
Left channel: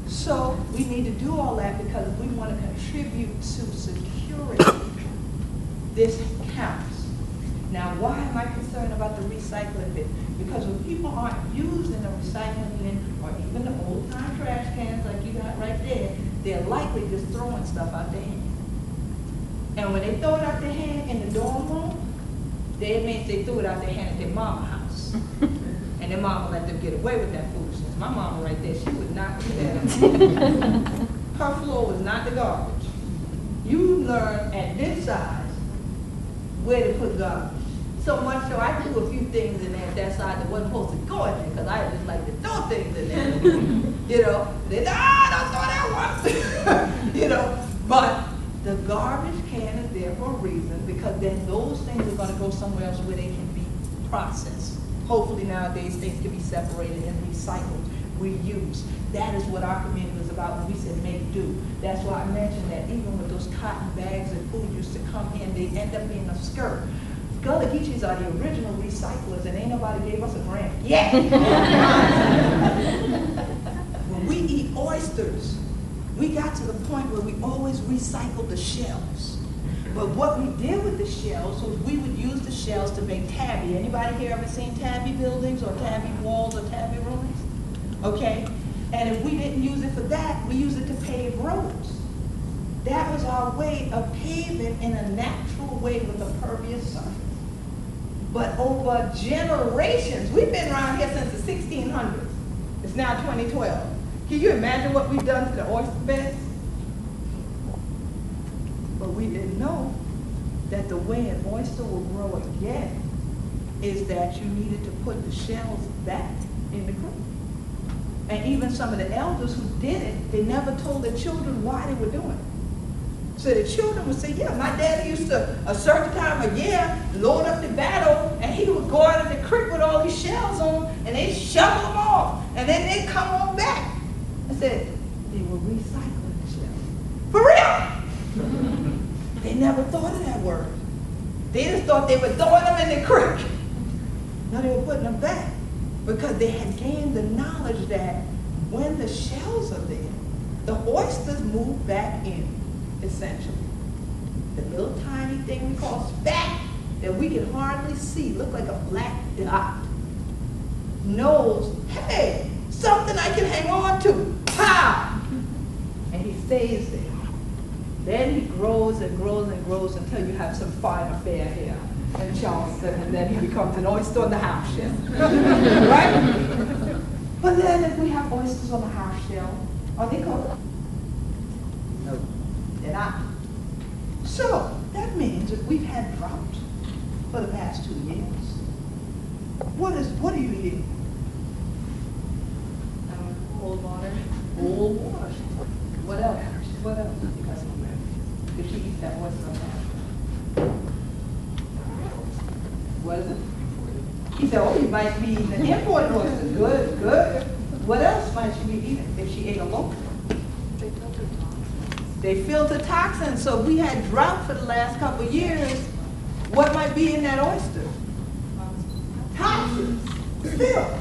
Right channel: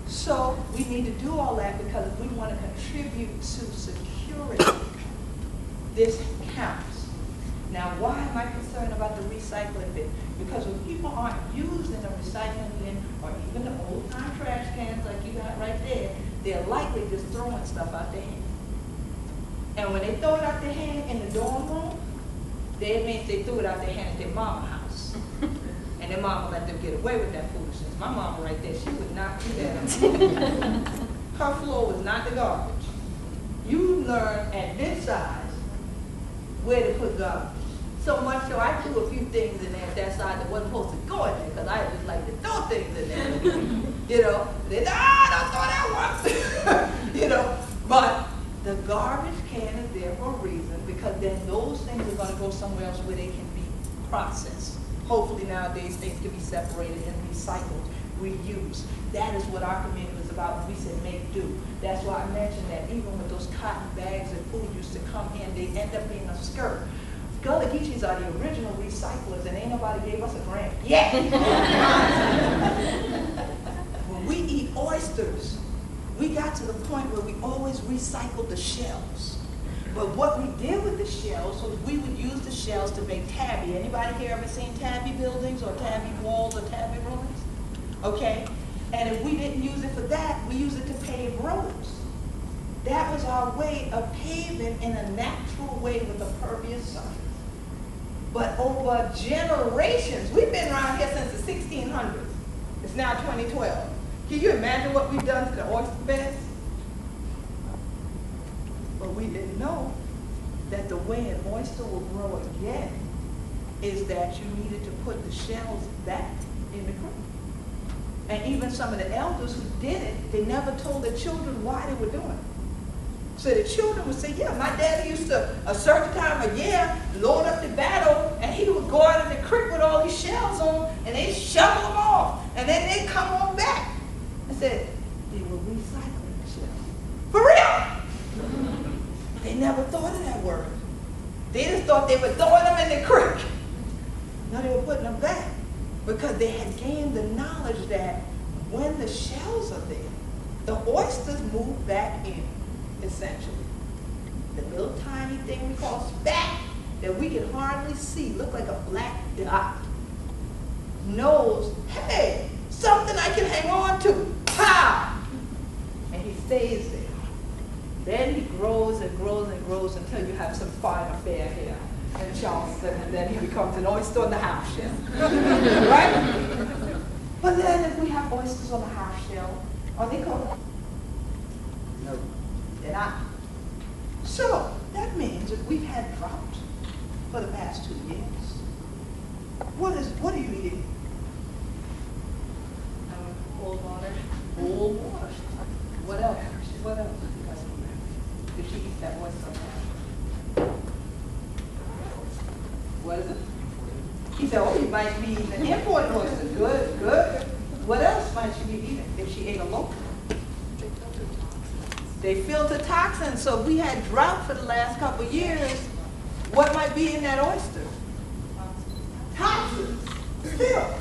So we need to do all that because we want to contribute to security. This counts. Now, why am I concerned about the recycling bin? Because when people aren't using a recycling bin or even the old-time trash cans like you got right there, they're likely just throwing stuff out their hand. And when they throw it out their hand in the dorm room, that means they threw it out their hand at their mama's house. And their mama let them get away with that foolishness. My mama right there, she would not do that. Her floor was not the garbage. You learn at this size where to put garbage. So much so I threw a few things in there at that side that wasn't supposed to go in there because I just like to throw things in there. You know, they don't throw that one. You know, but the garbage can is there for a reason because then those things are going to go somewhere else where they can be processed. Hopefully nowadays things can be separated and recycled reuse. That is what our community was about when we said make do. That's why I mentioned that even with those cotton bags that food used to come in, they end up being a skirt. Gullah Geechees are the original recyclers, and ain't nobody gave us a grant yet. When we eat oysters, we got to the point where we always recycled the shells. But what we did with the shells was we would use the shells to make tabby. Anybody here ever seen tabby buildings or tabby walls or tabby ruins? Okay? And if we didn't use it for that, we used it to pave roads. That was our way of paving in a natural way with a pervious surface. But over generations, we've been around here since the 1600s. It's now 2012. Can you imagine what we've done to the oyster beds? But we didn't know that the way an oyster will grow again is that you needed to put the shells back in the creek. And even some of the elders who did it, they never told their children why they were doing it. So the children would say, yeah, my daddy used to, a certain time of year, load up the battle, and he would go out in the creek with all these shells on, and they'd shovel them off, and then they'd come on back. I said, they were recycling the shells. For real! They never thought of that word. They just thought they were throwing them in the creek. No, they were putting them back because they had gained the knowledge that when the shells are there, the oysters move back in, essentially. The little tiny thing we call spat that we can hardly see, look like a black dot, knows, hey, something I can hang on to. Pow! And he stays there. Then he grows and grows and grows until you have some fine affair here in Charleston, and then he becomes an oyster on the half shell. Right? But then if we have oysters on the half shell, are they cooked? No, they're not. So that means if we've had drought for the past 2 years, what are you eating? Cold water. Cold water. What else? What else? If she eats that oyster on the half. What is it? He said, oh, you might be eating an imported oyster. Good, good. What else might she be eating if she ate a local? They filter toxins. So if we had drought for the last couple of years, what might be in that oyster? Toxins. Still.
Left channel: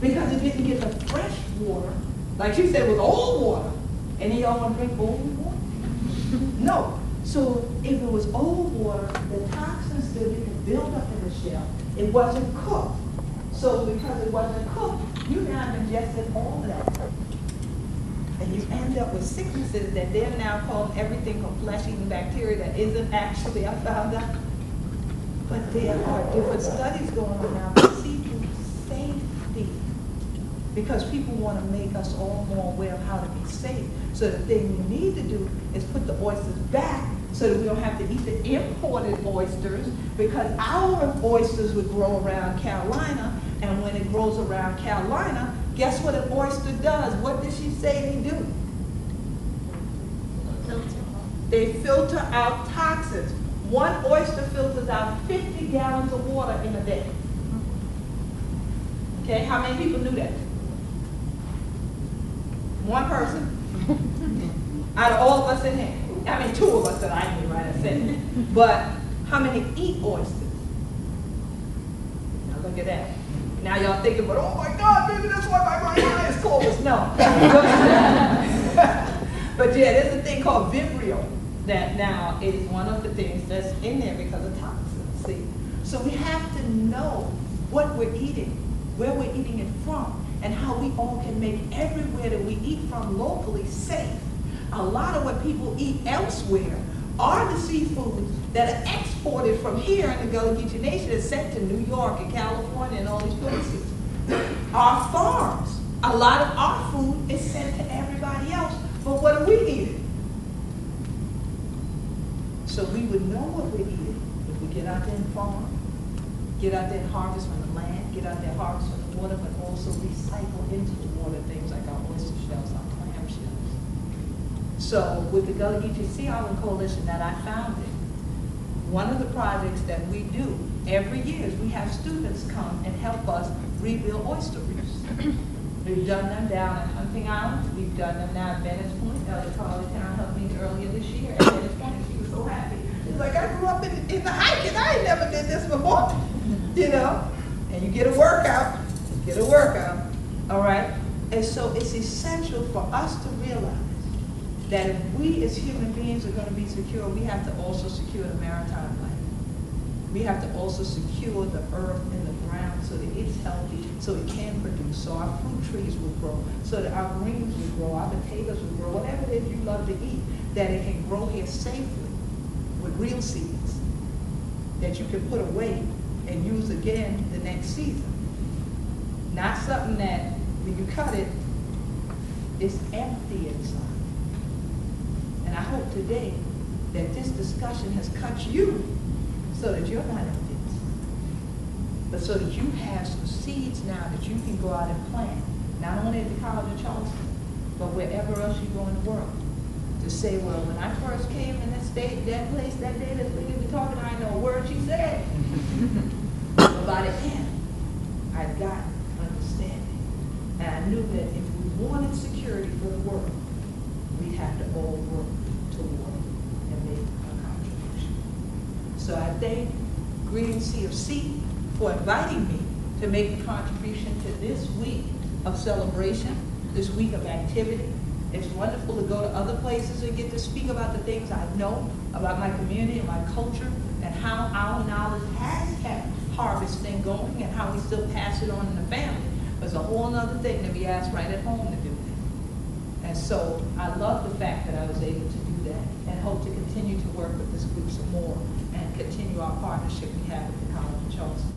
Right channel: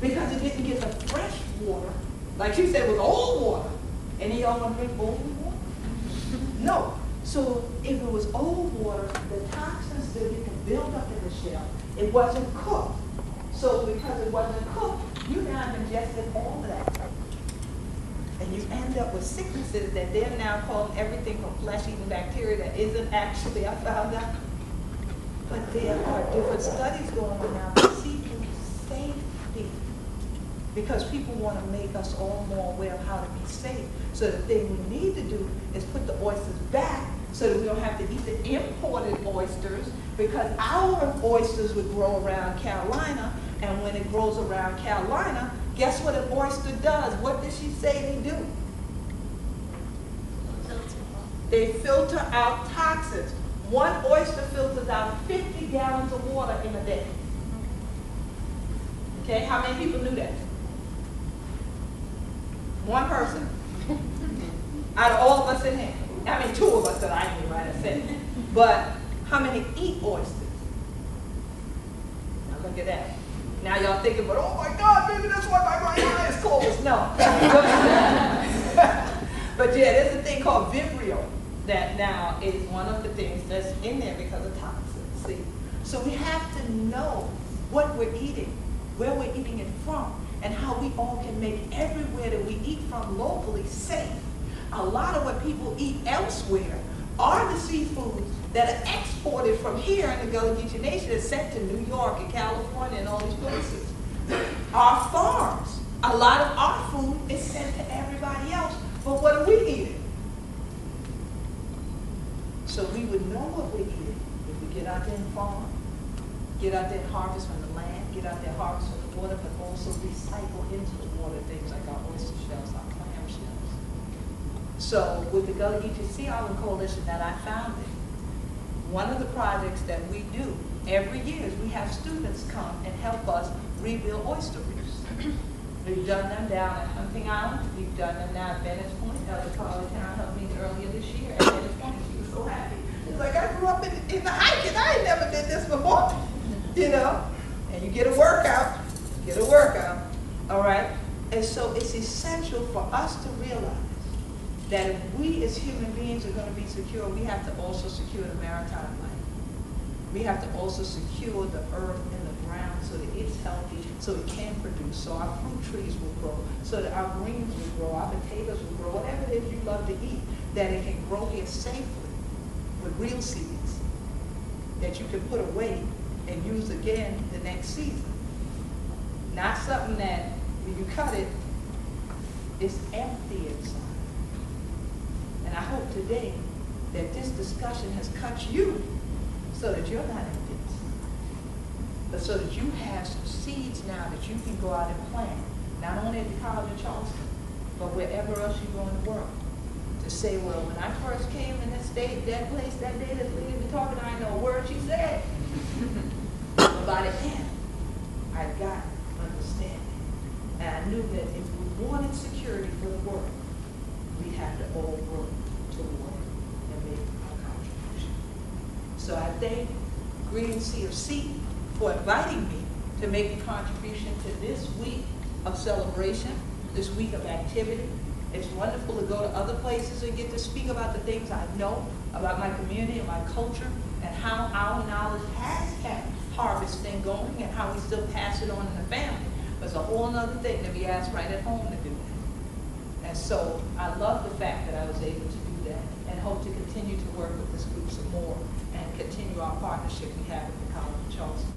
Because it didn't get the fresh water. Like she said, it was old water. And y'all want to drink old water? No. So if it was old water, the toxins still didn't build up in the shell. It wasn't cooked. So because it wasn't cooked, you now have ingested all of that. And you end up with sicknesses that they're now calling everything from flesh-eating bacteria that isn't actually, I found out. But there are different studies going on now for seafood safety. Because people want to make us all more aware of how to be safe. So the thing we need to do is put the oysters back so that we don't have to eat the imported oysters, because our oysters would grow around Carolina, and when it grows around Carolina, guess what an oyster does? What did she say they do? They filter out toxins. One oyster filters out 50 gallons of water in a day. Okay, how many people knew that? One person. Out of all of us in here. I mean, 2 of us that I knew, right? I said. But how many eat oysters? Now look at that. Now y'all thinking, but oh my God, maybe that's why my right eye is closed. No. But yeah, there's a thing called Vibrio that now is one of the things that's in there because of toxins. See? So we have to know what we're eating, where we're eating it from, and how we all can make everywhere that we eat from locally safe. A lot of what people eat elsewhere are the seafoods that are exported from here in the Gullah Geechee Nation and sent to New York and California and all these places. Our farms, a lot of our food is sent to everybody else, but what are we eating? So we would know what we're eating if we get out there and farm, get out there and harvest from the land, get out there and harvest from the water, but also recycle into the water things like our oyster shells, our clam shells. So with the Gullah Geechee Sea Island Coalition that I founded, one of the projects that we do every year is we have students come and help us rebuild oyster reefs. We've done them down at Hunting Island. We've done them now at Venice Point. Elder College Town helped me earlier this year at Venice Point. She was so happy. She was like, I grew up in the hiking. I ain't never did this before. You know? And you get a workout. You get a workout. All right? And so it's essential for us to realize that if we as human beings are going to be secure, we have to also secure the maritime life. We have to also secure the earth and the ground so that it's healthy, so it can produce, so our fruit trees will grow, so that our greens will grow, our potatoes will grow, whatever it is you love to eat, that it can grow here safely with real seeds that you can put away and use again the next season. Not something that when you cut it, it's empty inside. And I hope today that this discussion has cut you so that you're not empty inside, but so that you have some seeds now that you can go out and plant, not only at the College of Charleston, but wherever else you go in the world. To say, well, when I first came in that state, that place, that day, this lady was talking, I didn't know a word she said. But by the end, I got understanding. And I knew that if we wanted security for the world, we'd have to all work toward it and make our contribution. So I thank Green CFC for inviting me to make a contribution to this week of celebration, this week of activity. It's wonderful to go to other places and get to speak about the things I know about my community and my culture and how our knowledge has kept harvest thing going and how we still pass it on in the family. But it's a whole other thing to be asked right at home to do that. And so I love the fact that I was able to do that and hope to continue to work with this group some more and continue our partnership we have at the College of Charleston.